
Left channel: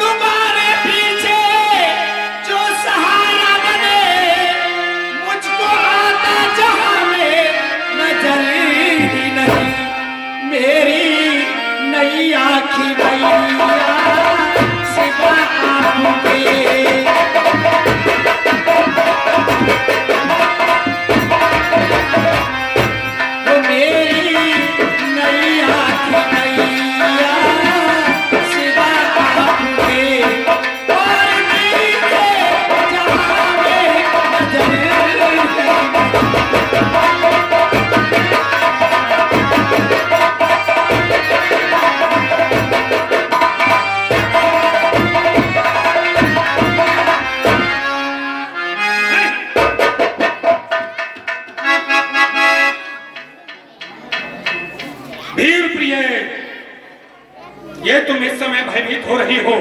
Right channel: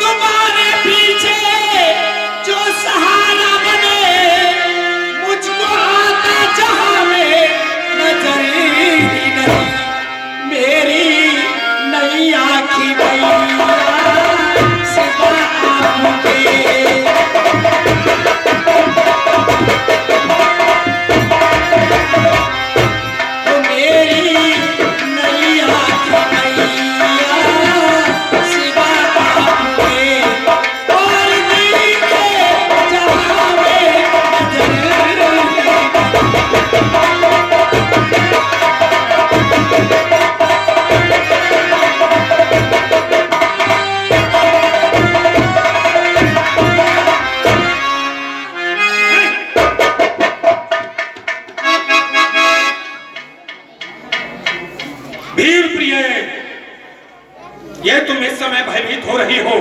तुम्हारे पीछे जो सहारा बने, मुझको आता जहां में नजर ही नहीं, मेरी नई आँखी गैया सिवा आपके। मेरी नई आँखी गैया सिवा आपके, और नहीं के जहां में नजर वीर प्रिय, ये तुम इस समय भयभीत हो रही हो,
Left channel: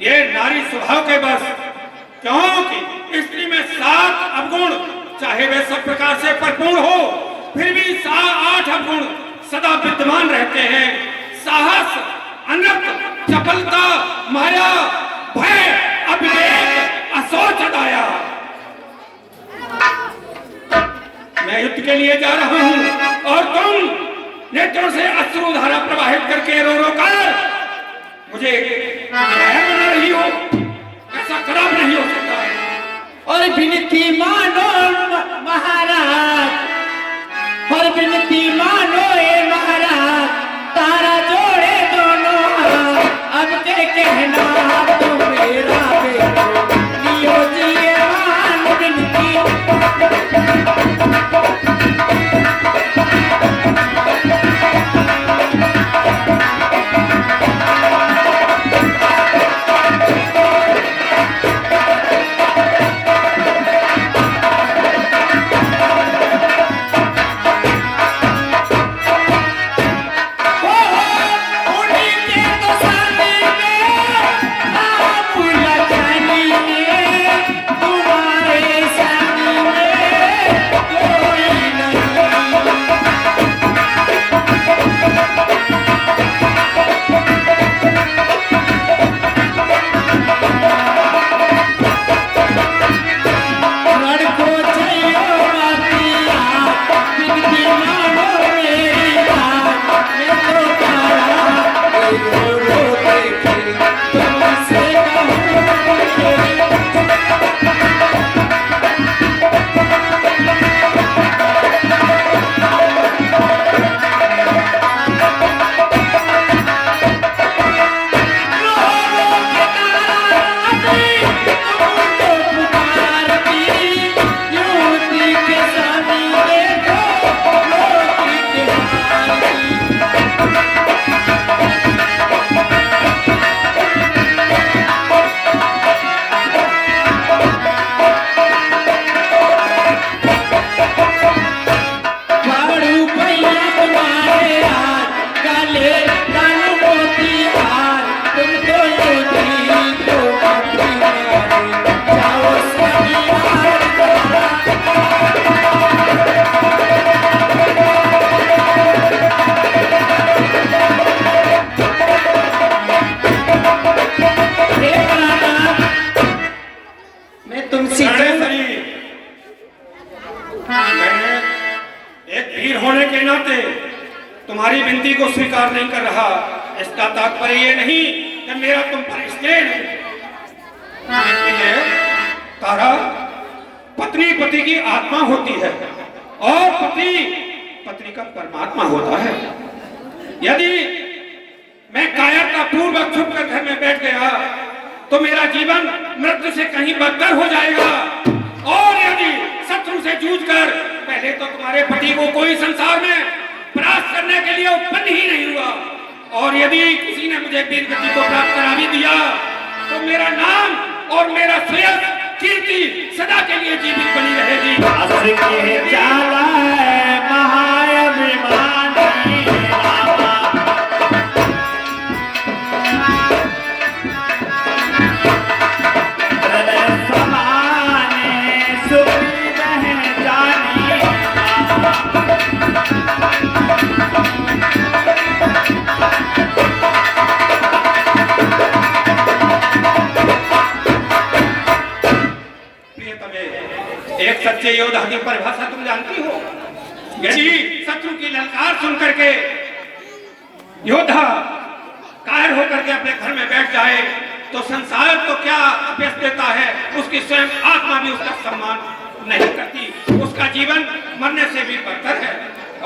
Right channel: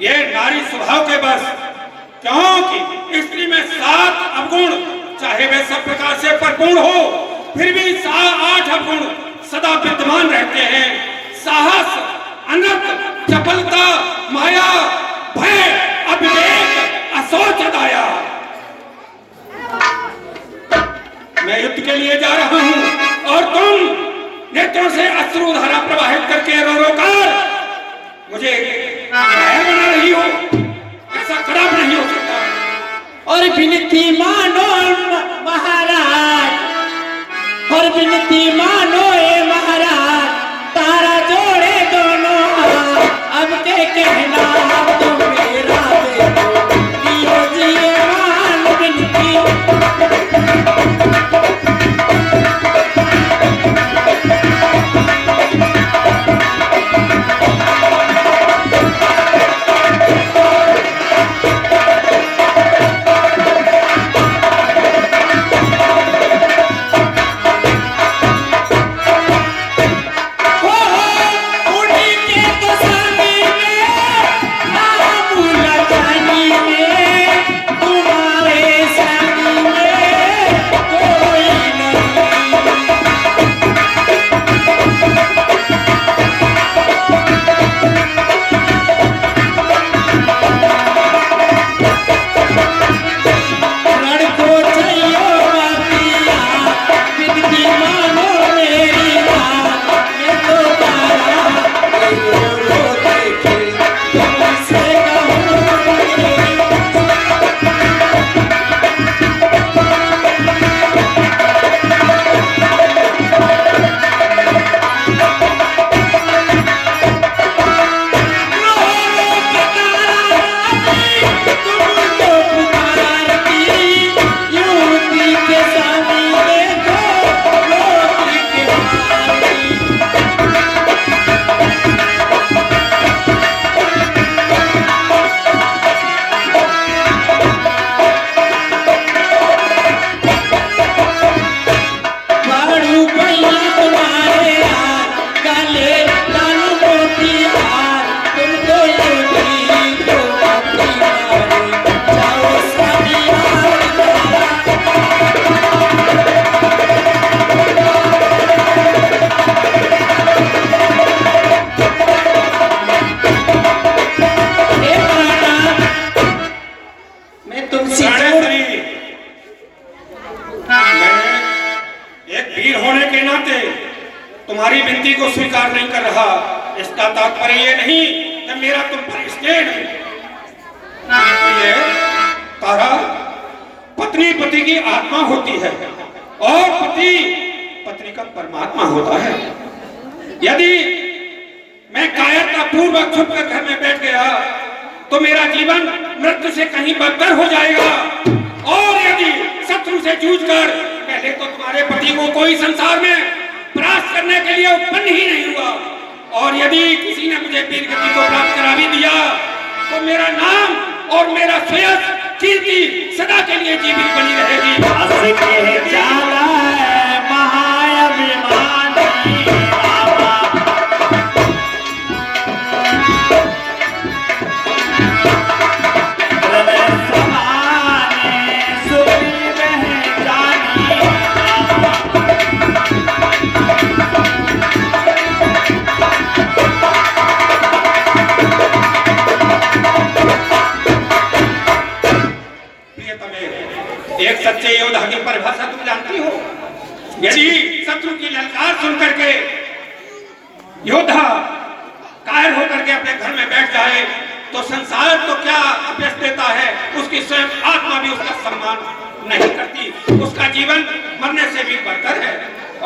ये नारी स्वभाव के बस, क्योंकि स्त्री में 7 अवगुण, चाहे वे सब प्रकार से परिपूर्ण हो, फिर भी 8 अवगुण सदा विद्यमान रहते हैं। साहस, अनर्थ, चपलता, माया, भय, अविवेक, असोच, अदाया। मैं युद्ध के लिए जा रहा हूं और तुम नेत्रों से अश्रु धारा प्रवाहित करके रो रो कर मुझे घायल बना रही हो। ऐसा कदम नहीं हो सकता। और विनती मानो महाराज, और विनती मानो ए महाराज, तारा जोड़े दोनों हाथ, अब के कहना तो मेरा बेटो, दियो जिए मान विनती। तुम्हारी विनती को स्वीकार नहीं कर रहा। इसका तात्पर्य ये नहीं कि मेरा तुम पर स्नेह नहीं। ये तारा, पत्नी पति की आत्मा होती है और पति पत्नी का परमात्मा होता है। यदि मैं कायरता पूर्वक छुप कर घर में बैठ गया तो मेरा जीवन मृत्यु से कहीं बदतर हो जाएगा। और यदि शत्रु से जूझकर, पहले तो तुम्हारे पति को कोई संसार में परास्त करने के लिए उत्पन्न ही नहीं हुआ, और यदि किसी ने मुझे वीर गति को प्राप्त करा भी दिया तो मेरा नाम और मेरा श्रेयस कीर्ति सदा के लिए जीवित बनी रहेगी। एक सच्चे योद्धा की परिभाषा तुम जानती हो। यदि शत्रु की ललकार सुनकर के योद्धा कायर होकर के अपने घर में बैठ जाए तो संसार तो क्या अभ्यस देता है, उसकी स्वयं आत्मा भी उसका सम्मान नहीं करती, उसका जीवन मरने से भी बदतर है।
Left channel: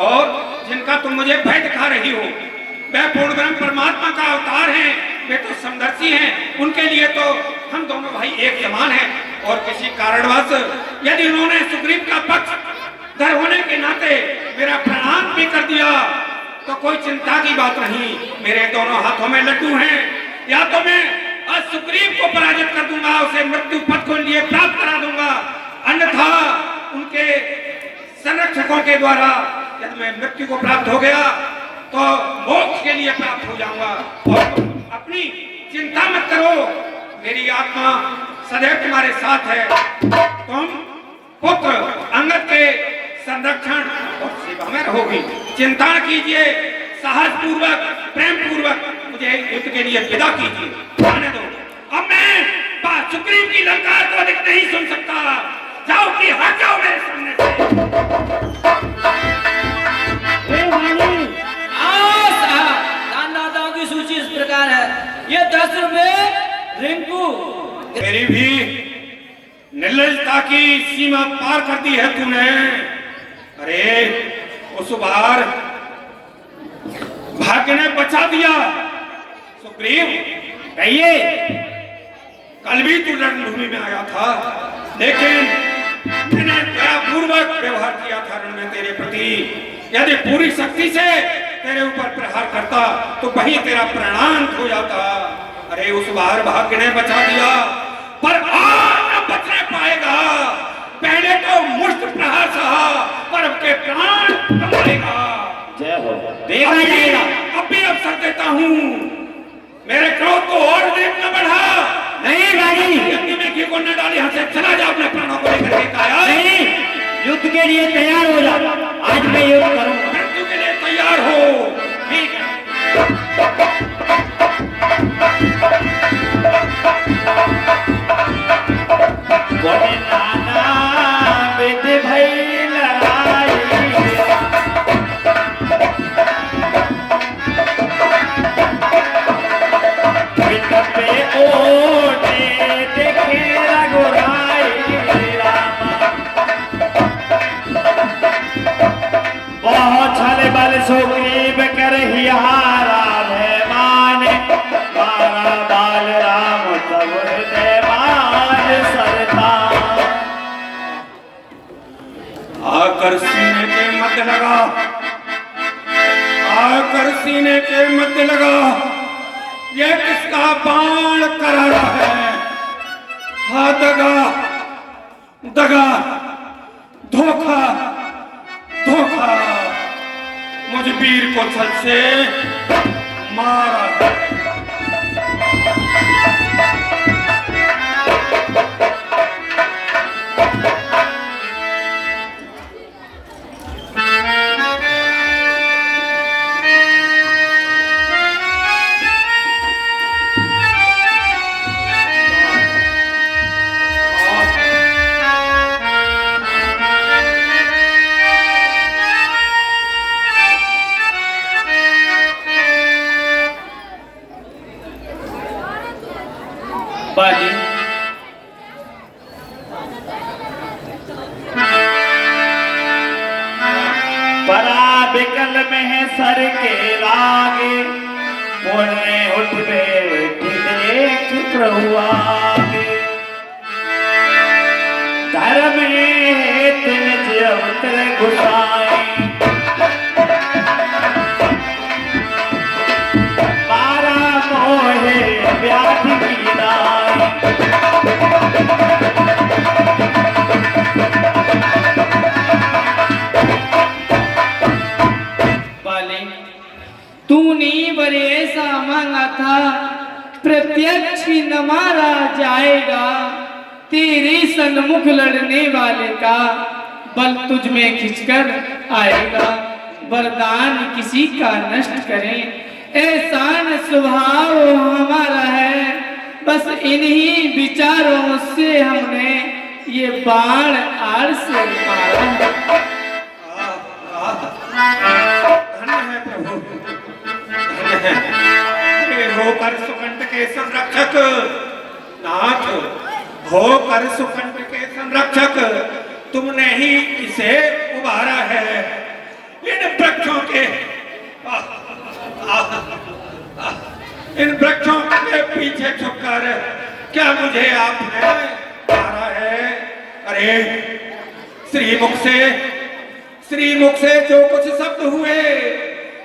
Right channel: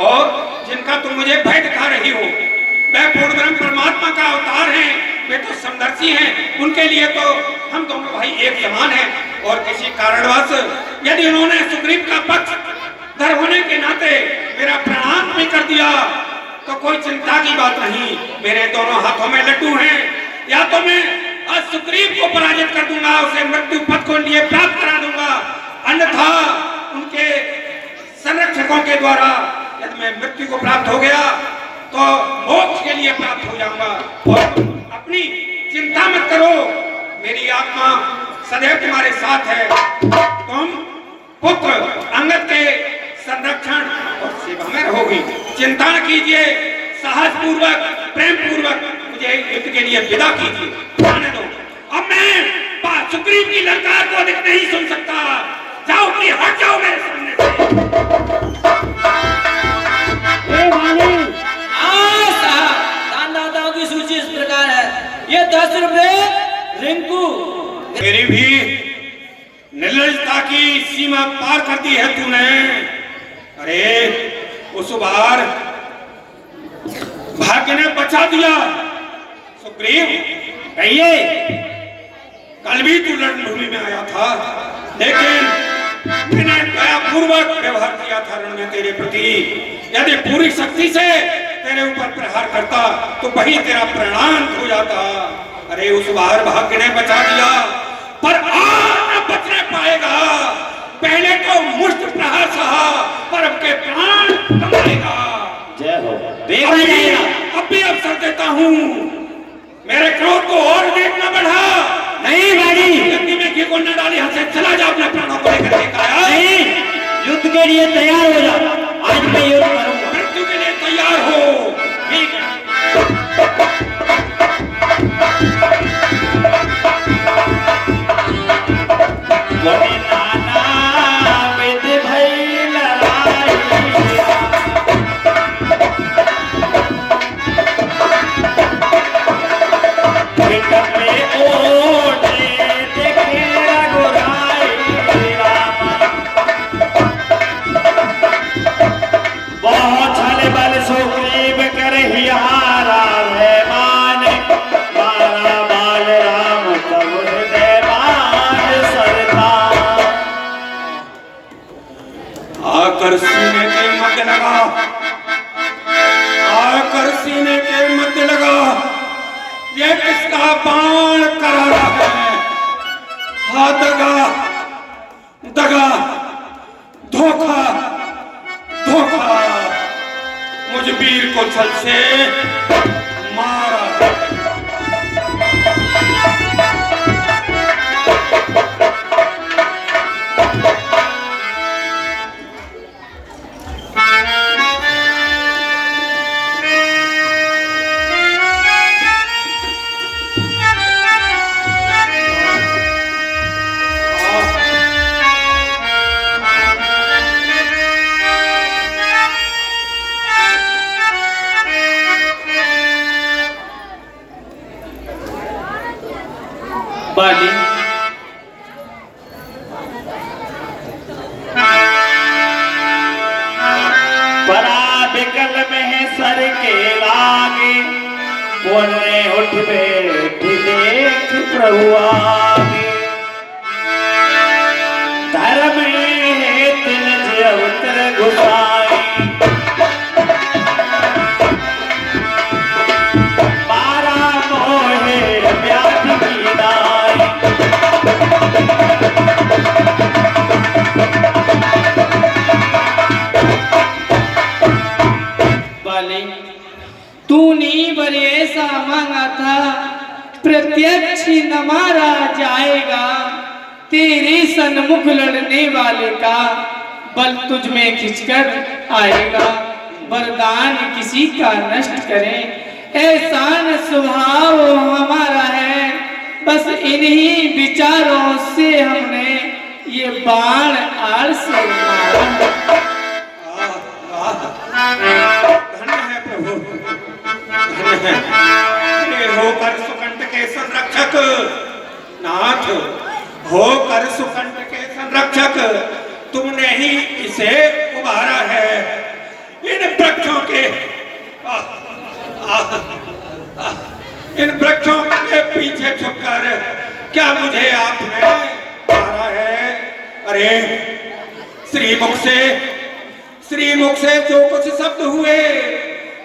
और जिनका तुम मुझे भय दिखा रही हो, वे पूर्ण ब्रह्म परमात्मा का अवतार हैं, वे तो समदर्शी हैं। उनके लिए तो हम दोनों भाई एक समान हैं। और किसी कारणवश यदि उन्होंने सुग्रीव का पक्ष धर होने के नाते मेरा प्रणाम भी कर दिया तो कोई चिंता की बात नहीं। मेरे दोनों हाथों में लड्डू हैं, या तो मैं आज सुग्रीव को पराजित कर दूंगा, उसे मृत्यु पथ को लिए प्राप्त करा दूंगा, अन्यथा उनके संरक्षकों के द्वारा यदि मैं मृत्यु को प्राप्त हो गया तो मोक्ष के लिए प्राप्त हो जाऊंगा। और अपनी चिंता मत करो, मेरी आत्मा सदैव तुम्हारे साथ है। तुम पुत्र अंगद के संरक्षण और सेवा में रहोगी। चिंता न कीजिए, साहस पूर्वक प्रेम पूर्वक मुझे युद्ध के लिए विदा कीजिए। आने दो, अब मैं सुग्रीव की ललकार को अधिक नहीं सुन सकता। जाओ कि हट जाओ मेरे सामने से। दानदाताओं की सूची इस प्रकार है। ये 10 रुपए रिंकू। मेरी भी निर्लजता की सीमा पार कर दी है तूने। अरे उस बार भाग्य ने बचा दिया। सुग्रीव, कहिए, कल भी तू रणभूमि में आया था, लेकिन मैंने दयापूर्वक व्यवहार किया था रण में तेरे प्रति। यदि पूरी शक्ति से तेरे ऊपर प्रहार करता तो वही तेरा प्राणांत हो जाता। अरे उस बार भाग्य ने बचा दिया, पर आज न बचने पाएगा। पहले तो मुष्ट प्रहार सहा, पर अब के प्राण कमाएगा। जय हो। अब भी अवसर देता हूँ, मेरे क्रोध को और भी न बढ़ा। नहीं भाई, यज्ञ में घी को न डाली, यहाँ से चला जा अपने प्राणों को लेकर के। काया नहीं, युद्ध के लिए तैयार हो जा। आज मैं युद्ध करूंगा। मृत्यु के लिए तैयार हो। ठीक है। आकर सीने के मध्य लगा, आकर सीने के मध्य लगा। ये किसका बाण करारा है? हा, दगा, दगा, धोखा, धोखा। मुझ वीर को छल से मारा। बाली बड़ा बिकल में सर के लागे बोलने उठ बैठ देख प्रभु आगे धर्म है तिल जवतर घुसाई मारा मोहे व्याध की दाई बाली तूने बरेसा मांगा था प्रत्यक्ष ही न मारा जाएगा तेरे सन्मुख लड़ने वाले का बल तुझ में खिंचकर आएगा वरदान किसी का नष्ट करें ऐसा न स्वभाव हमारा है बस इन्हीं विचारों से हमने ये बाण आड़ से मारा धन्य है प्रभु, धन्य है। ये होकर सुकंठ के संरक्षक नाथ, होकर सुकंठ के संरक्षक तुमने ही इसे उबारा है। इन वृक्षों के इन वृक्षों के पीछे छुपकर क्या मुझे आपने मारा है? अरे श्रीमुख से जो कुछ शब्द हुए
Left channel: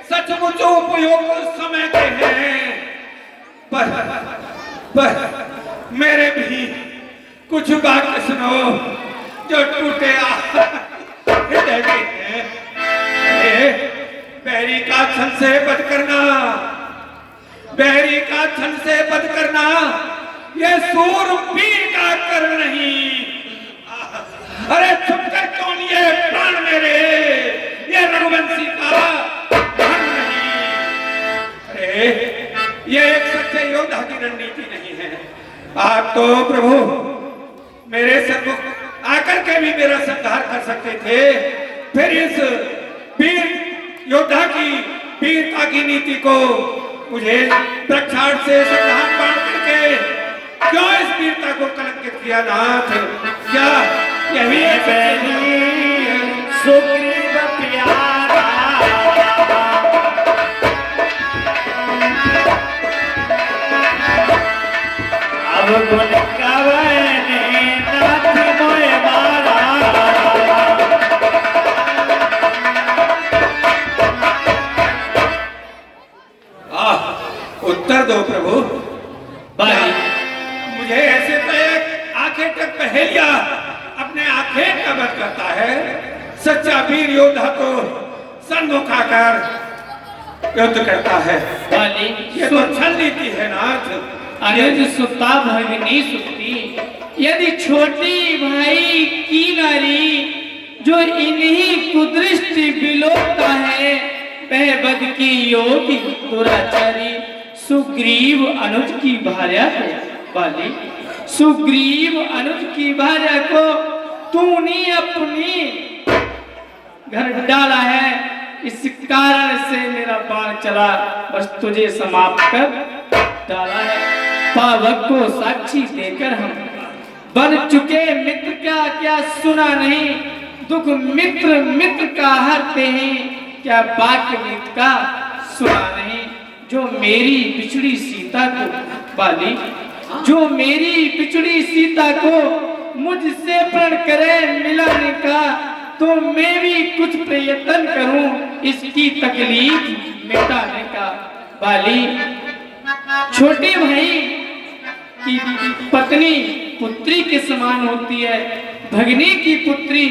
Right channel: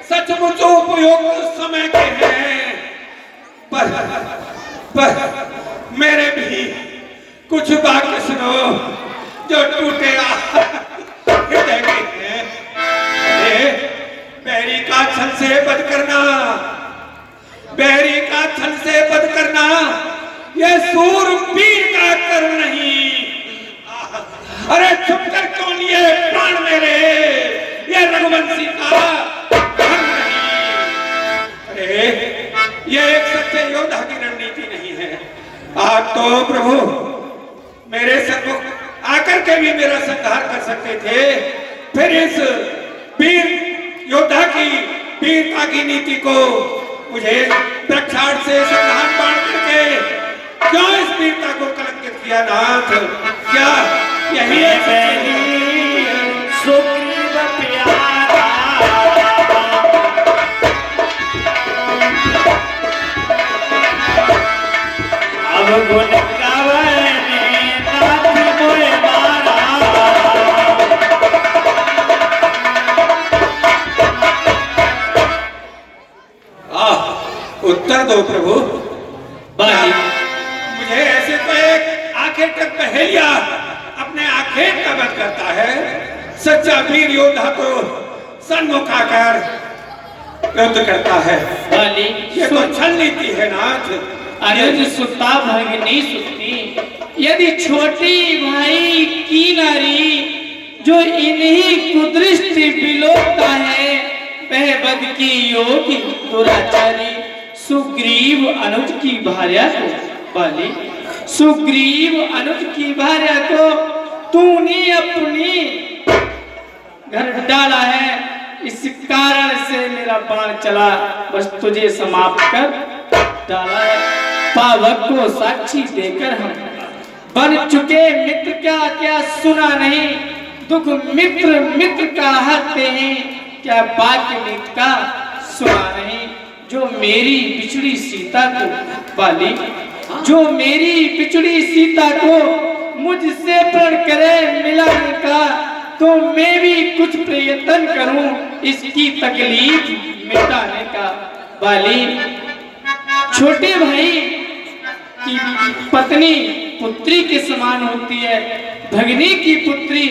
सचमुच उपयुक्त समय के हैं, पर मेरे भी कुछ वाक्य सुनो जो टूटे हृदय के हैं। बैरी का छल से बध करना, बैरी का छल से बध करना यह सूरवीर का कर्म नहीं। अरे चुप कर कौन ये प्राण मेरे, ये रघुवंशी का धर्म नहीं। अरे ये एक सच्चे योद्धा की रणनीति नहीं है। आप तो प्रभु मेरे सन्मुख आकर के भी मेरा संहार कर सकते थे, फिर इस वीर योद्धा की वीरता की नीति को मुझे प्रक्षाड़ से संहार बाण करके क्यों इस वीरता को कलंकित किया नाथ? क्या यही सुग्रीव प्यारा अब गुण कवने नाथ मोए मारा उत्तर दो प्रभु। बाली मुझे ऐसे तो एक आखिर तक पहेलिया अपने आखेट का वध करता है। सच्चा वीर योद्धा को सन्मुख आकर युद्ध करता है। बाली ये तो छल नीति है नाथ। अनुज सुता भगनी सुती यदि छोटी भाई की नारी जो इन्हीं कुदृष्टि बिलोकता है वह बद की योगी दुराचारी सुग्रीव अनुज की भार्या को। बाली सुग्रीव अनुज की भार्या को तूने अपनी घर डाला है, इस कारण से मेरा बाण चला, बस तुझे समाप्त कर डाला है। पावक को साक्षी देकर हम बन चुके मित्र क्या क्या सुना नहीं, दुख मित्र मित्र का हरते हैं क्या बाक्य मित्र का सुना नहीं। जो मेरी बिछड़ी सीता को बाली, जो मेरी बिछड़ी सीता को मुझसे प्रण करे मिलाने का, तो मैं भी कुछ प्रयत्न करूं इसकी तकलीफ मिटाने का। बाली छोटे भाई की पत्नी पुत्री के समान होती है, भगनी की पुत्री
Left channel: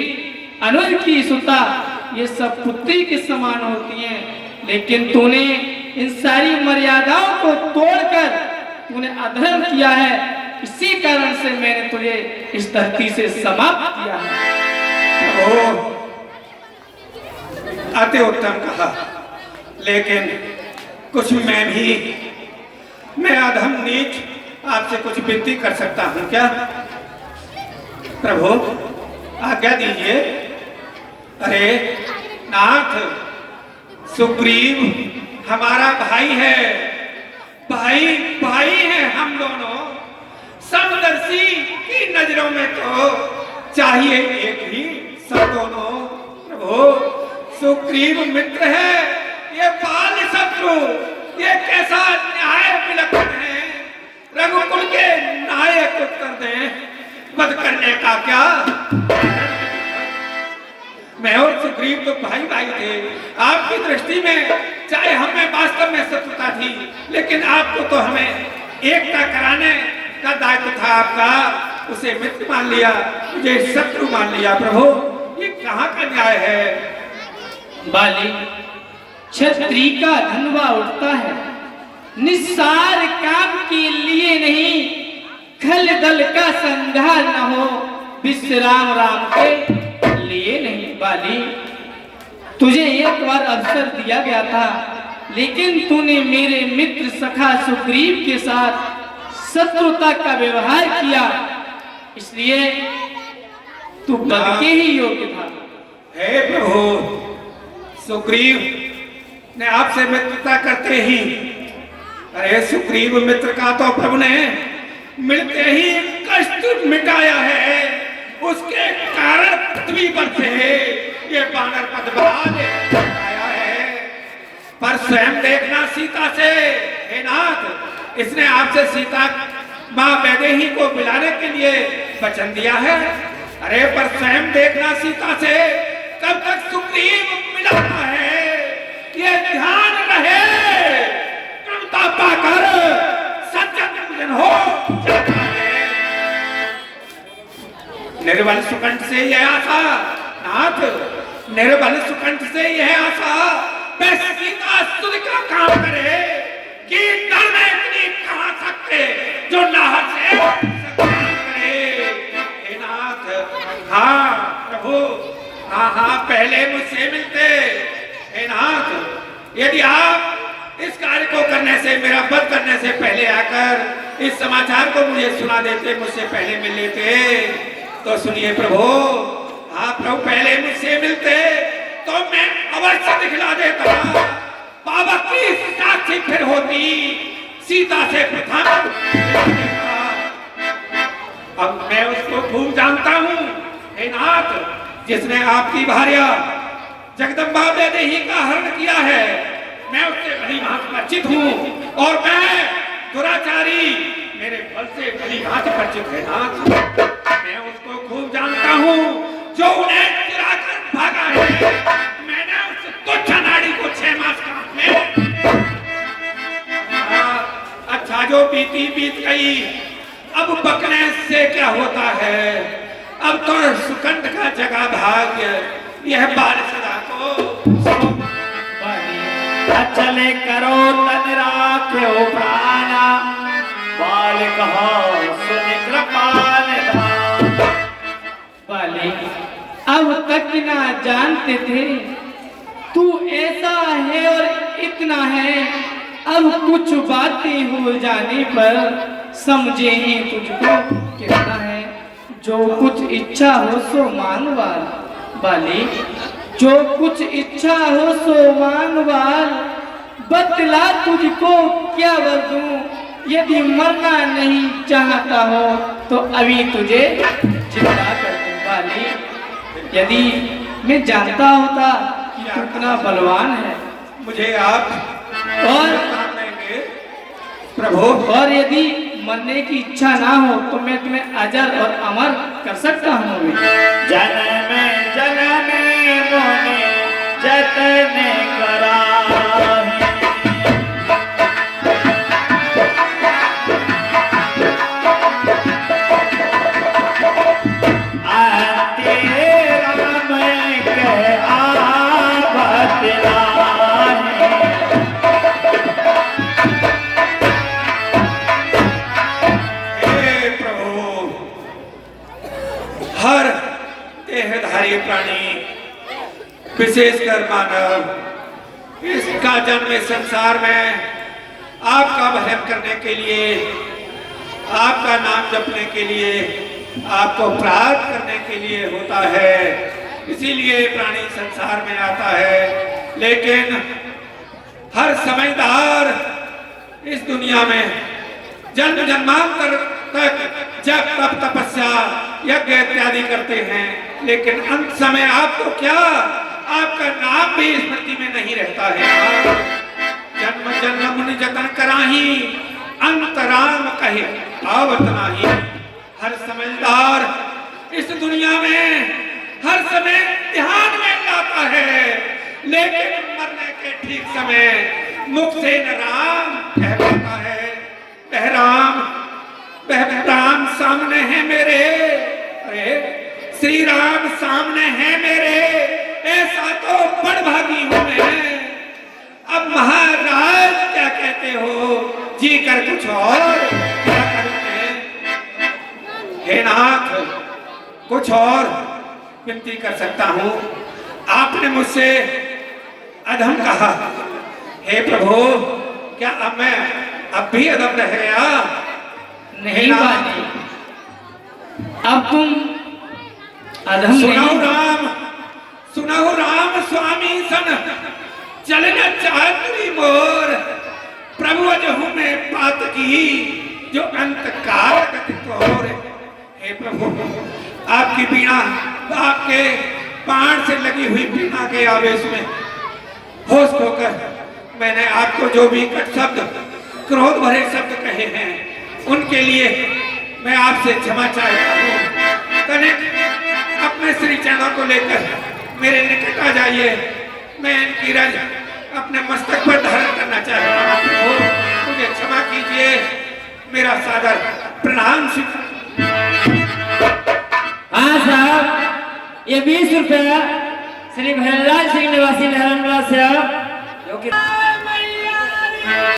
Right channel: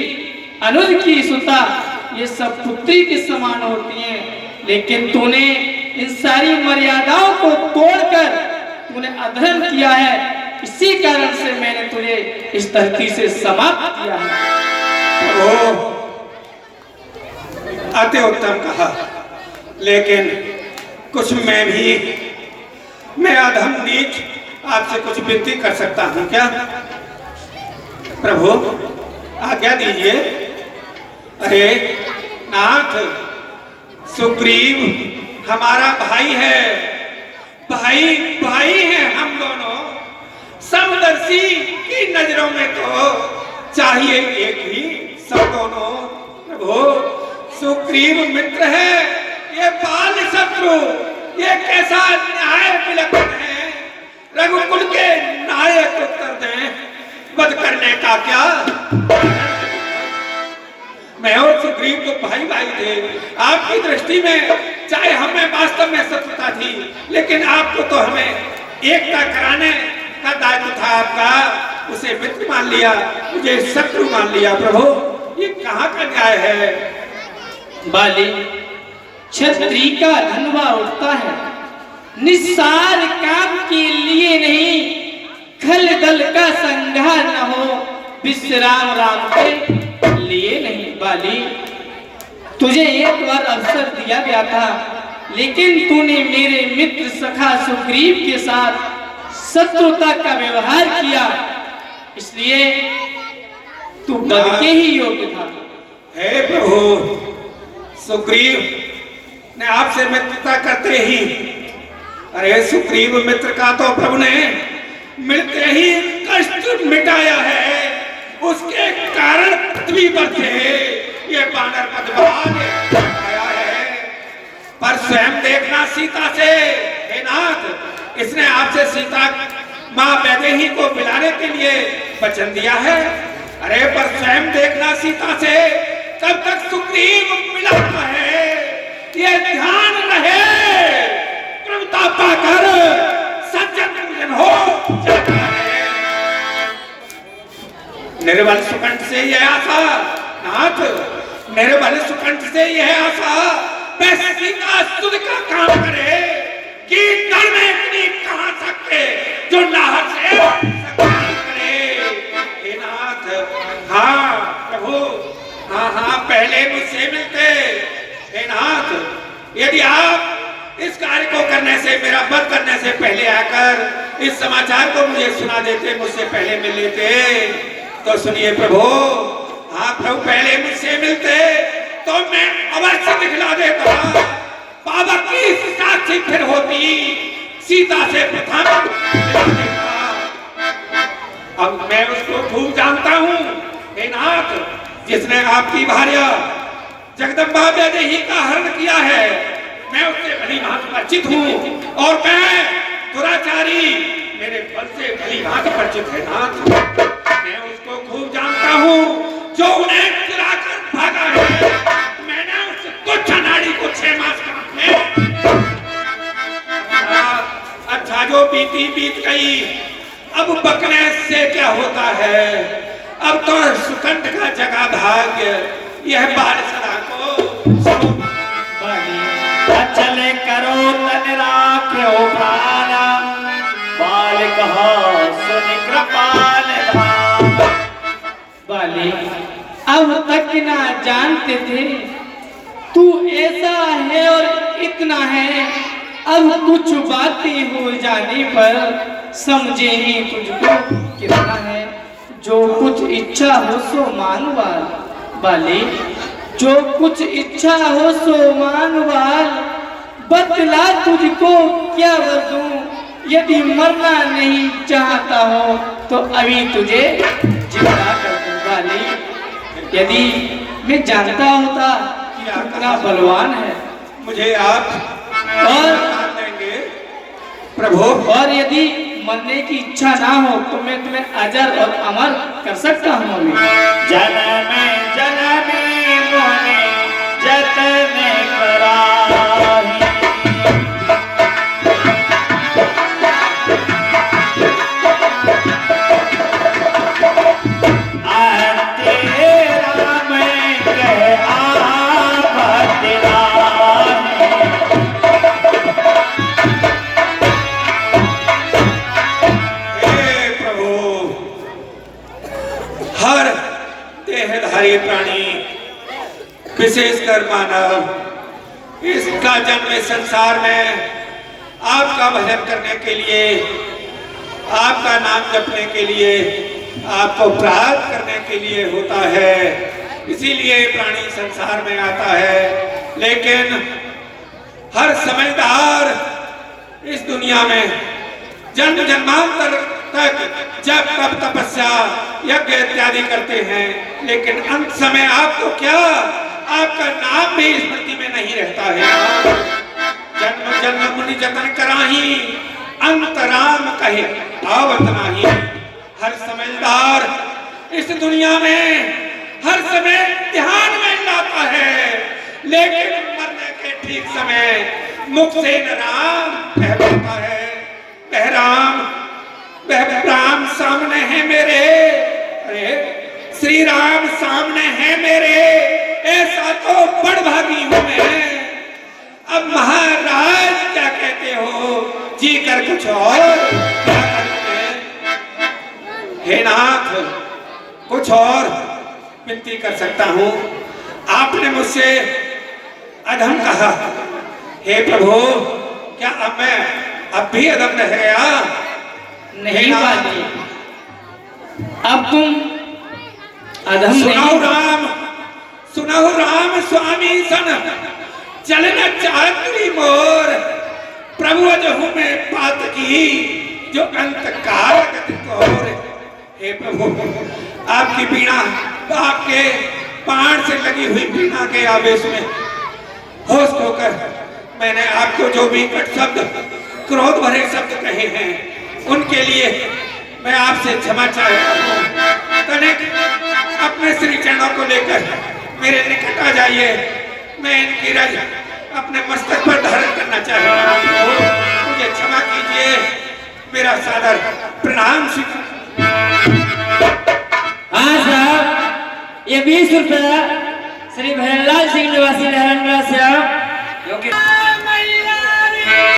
अनुज की सुता ये सब पुत्री के समान होती हैं, लेकिन तूने इन सारी मर्यादाओं को तोड़कर तूने अधर्म किया है, इसी कारण से मैंने तुझे इस धरती से समाप्त किया है। ओ अति उत्तम कहा, लेकिन कुछ मैं अधम नीच आपसे कुछ विनती कर सकता हूं क्या? प्रभु आज्ञा दीजिए। अरे नाथ, सुग्रीव हमारा भाई है, भाई है हम दोनों, समदर्शी की नजरों में तो चाहिए एक ही सब दोनों। प्रभु सुग्रीव मित्र है, ये बाल शत्रु, ये कैसा न्याय विलक्षण है। रघुकुल के नायक उत्तर दें, वध करने का क्या। मैं और सुग्रीव तो भाई भाई थे। आपकी दृष्टि में चाहे हमें वास्तव में शत्रुता थी, लेकिन आपको तो हमें एकता कराने का दायित्व था आपका। उसे मित्र मान लिया, मुझे शत्रु मान लिया। प्रभु ये कहाँ का न्याय है। बाली, क्षत्रिय का धनवा उठता है निस्सार काम के लिए नहीं, खल दल का संघार न हो विश्राम राम के लिए नहीं। बाली, तुझे एक बार अवसर दिया गया था, लेकिन तूने मेरे मित्र सखा सुग्रीव के साथ शत्रुता का व्यवहार किया, इसलिए तू पद के ही योग्य था। हे प्रभु, सुग्रीव ने आपसे मित्रता करते ही, अरे सुग्रीव मित्र का तो प्रभु ने मिलते ही कष्ट मिटाया है। उसके कारण पृथ्वी पर से ये बानर पदभाग आया है। पर स्वयं देखना सीता से, हे नाथ, इसने आपसे सीता माँ वैदेही को मिलाने के लिए वचन दिया है। अरे पर स्वयं देखना सीता से कब तक सुग्रीव मिलाता है, ये ध्यान रहे। प्रभुता पाकर सज्जन पूजन हो जाता है। निर्बल सुकंठ से यह आशा, नाथ, निर्बल सुकंठ से यह आशा, मैं सीता सुध का काम करे कि नर में इतनी कहां सकते जो नाहर से करे। हे नाथ, हाँ प्रभु, हाँ पहले मुझसे मिलते। हे नाथ, यदि आप इस कार्य को करने से, मेरा वध करने से पहले आकर इस समाचार को मुझे सुना देते, मुझसे पहले मिल लेते, तो सुनिए प्रभु, हाँ प्रभु, पहले मुझसे मिलते तो मैं अवश्य दिखला देता। बाबा की साक्षी फिर होती, सीता से प्रथम। अब मैं उसको खूब जानता हूँ। हे नाथ, जिसने आपकी भार्या जगदम्बा वैदेही का हरण किया है, मैं उससे भली भांति परिचित हूँ, और मैं दुराचारी मेरे बल से भली भांति परिचित है। नाथ, मैं उसको खूब जानता हूँ जो उन्हें चुराकर भागा है। मैंने उस तुच्छ नाड़ी को 6 मास का अच्छा जो बीती बीत गई, अब बकने से क्या होता है। अब तो सुकंठ का जगा भाग्य यह बाल सदा को चले करो तन राख्यो प्राणा, बाल कहो सुन कृपाल धाम। बाली, अब तक ना जानते थे तू ऐसा है और इतना है, अब कुछ बातें हो जाने पर समझे ही तुझको कितना है। जो कुछ इच्छा हो सो मांग वाल। बाली, जो कुछ इच्छा हो सो मांग वाल, बतला तुझको क्या वर दूं। यदि मरना नहीं चाहता हो तो अभी तुझे जिंदा कर दूं। बाली, यदि मैं जानता होता कि कितना बलवान है, मुझे आप और देंगे प्रभु। और यदि मरने की इच्छा ना हो तो मैं तुम्हें अजर और अमर कर सकता हूँ। जन्म जन्म मोने जतन कराही, प्राणी विशेषकर मानव इसका जन्म इस संसार में आपका भजन करने के लिए, आपका नाम जपने के लिए, आपको प्राप्त करने के लिए होता है। इसीलिए प्राणी संसार में आता है। लेकिन हर समझदार इस दुनिया में जन्म जन्मांतर तक जब तब तपस्या यज्ञ इत्यादि करते हैं, लेकिन अंत समय आपको क्या, आपका नाम भी स्मृति में नहीं रहता है। जन्म जन्म मुनि जतन कराही, अंत राम कहे आवत नाही। हर समझदार इस दुनिया में हर समय ध्यान में लाता है, लेकिन मरने के ठीक समय मुख से न राम कह पाता है। वह राम सामने है मेरे, अरे श्री राम सामने है मेरे, ऐसा तो बड़भागी हूं मैं। अब महाराज क्या कहते हो, जी कर कुछ और क्या करूं मैं? हे नाथ, कुछ और विनती कर सकता हूं। आपने मुझसे अधम कहा, हे प्रभु, क्या अब मैं अब भी अधम रह गया? नहीं बाली, अब तुम अधम नहीं। सुनाओ राम स्वामी सन चलना चातरी मोर, प्रभु अजहु में पात की जो अंत काल गति तोर। हे प्रभु, आपकी बीणा, आपके बाण से लगी हुई बीणा के आवेश में होश खोकर मैंने आपको जो भी कट शब्द, क्रोध भरे शब्द कहे हैं, उनके लिए मैं आपसे क्षमा चाहता हूँ। तनिक अपने श्री चरणों को लेकर मेरे निकट आ जाइए, मैं इनकी रज अपने मस्तक पर धारण करना चाहता हूँ। मुझे क्षमा कीजिए, मेरा सादर प्रणाम। हाँ साहब, ये 20 रुपया श्री भैरवलाल सिंह निवासी लहरानवाला साहब, जो कि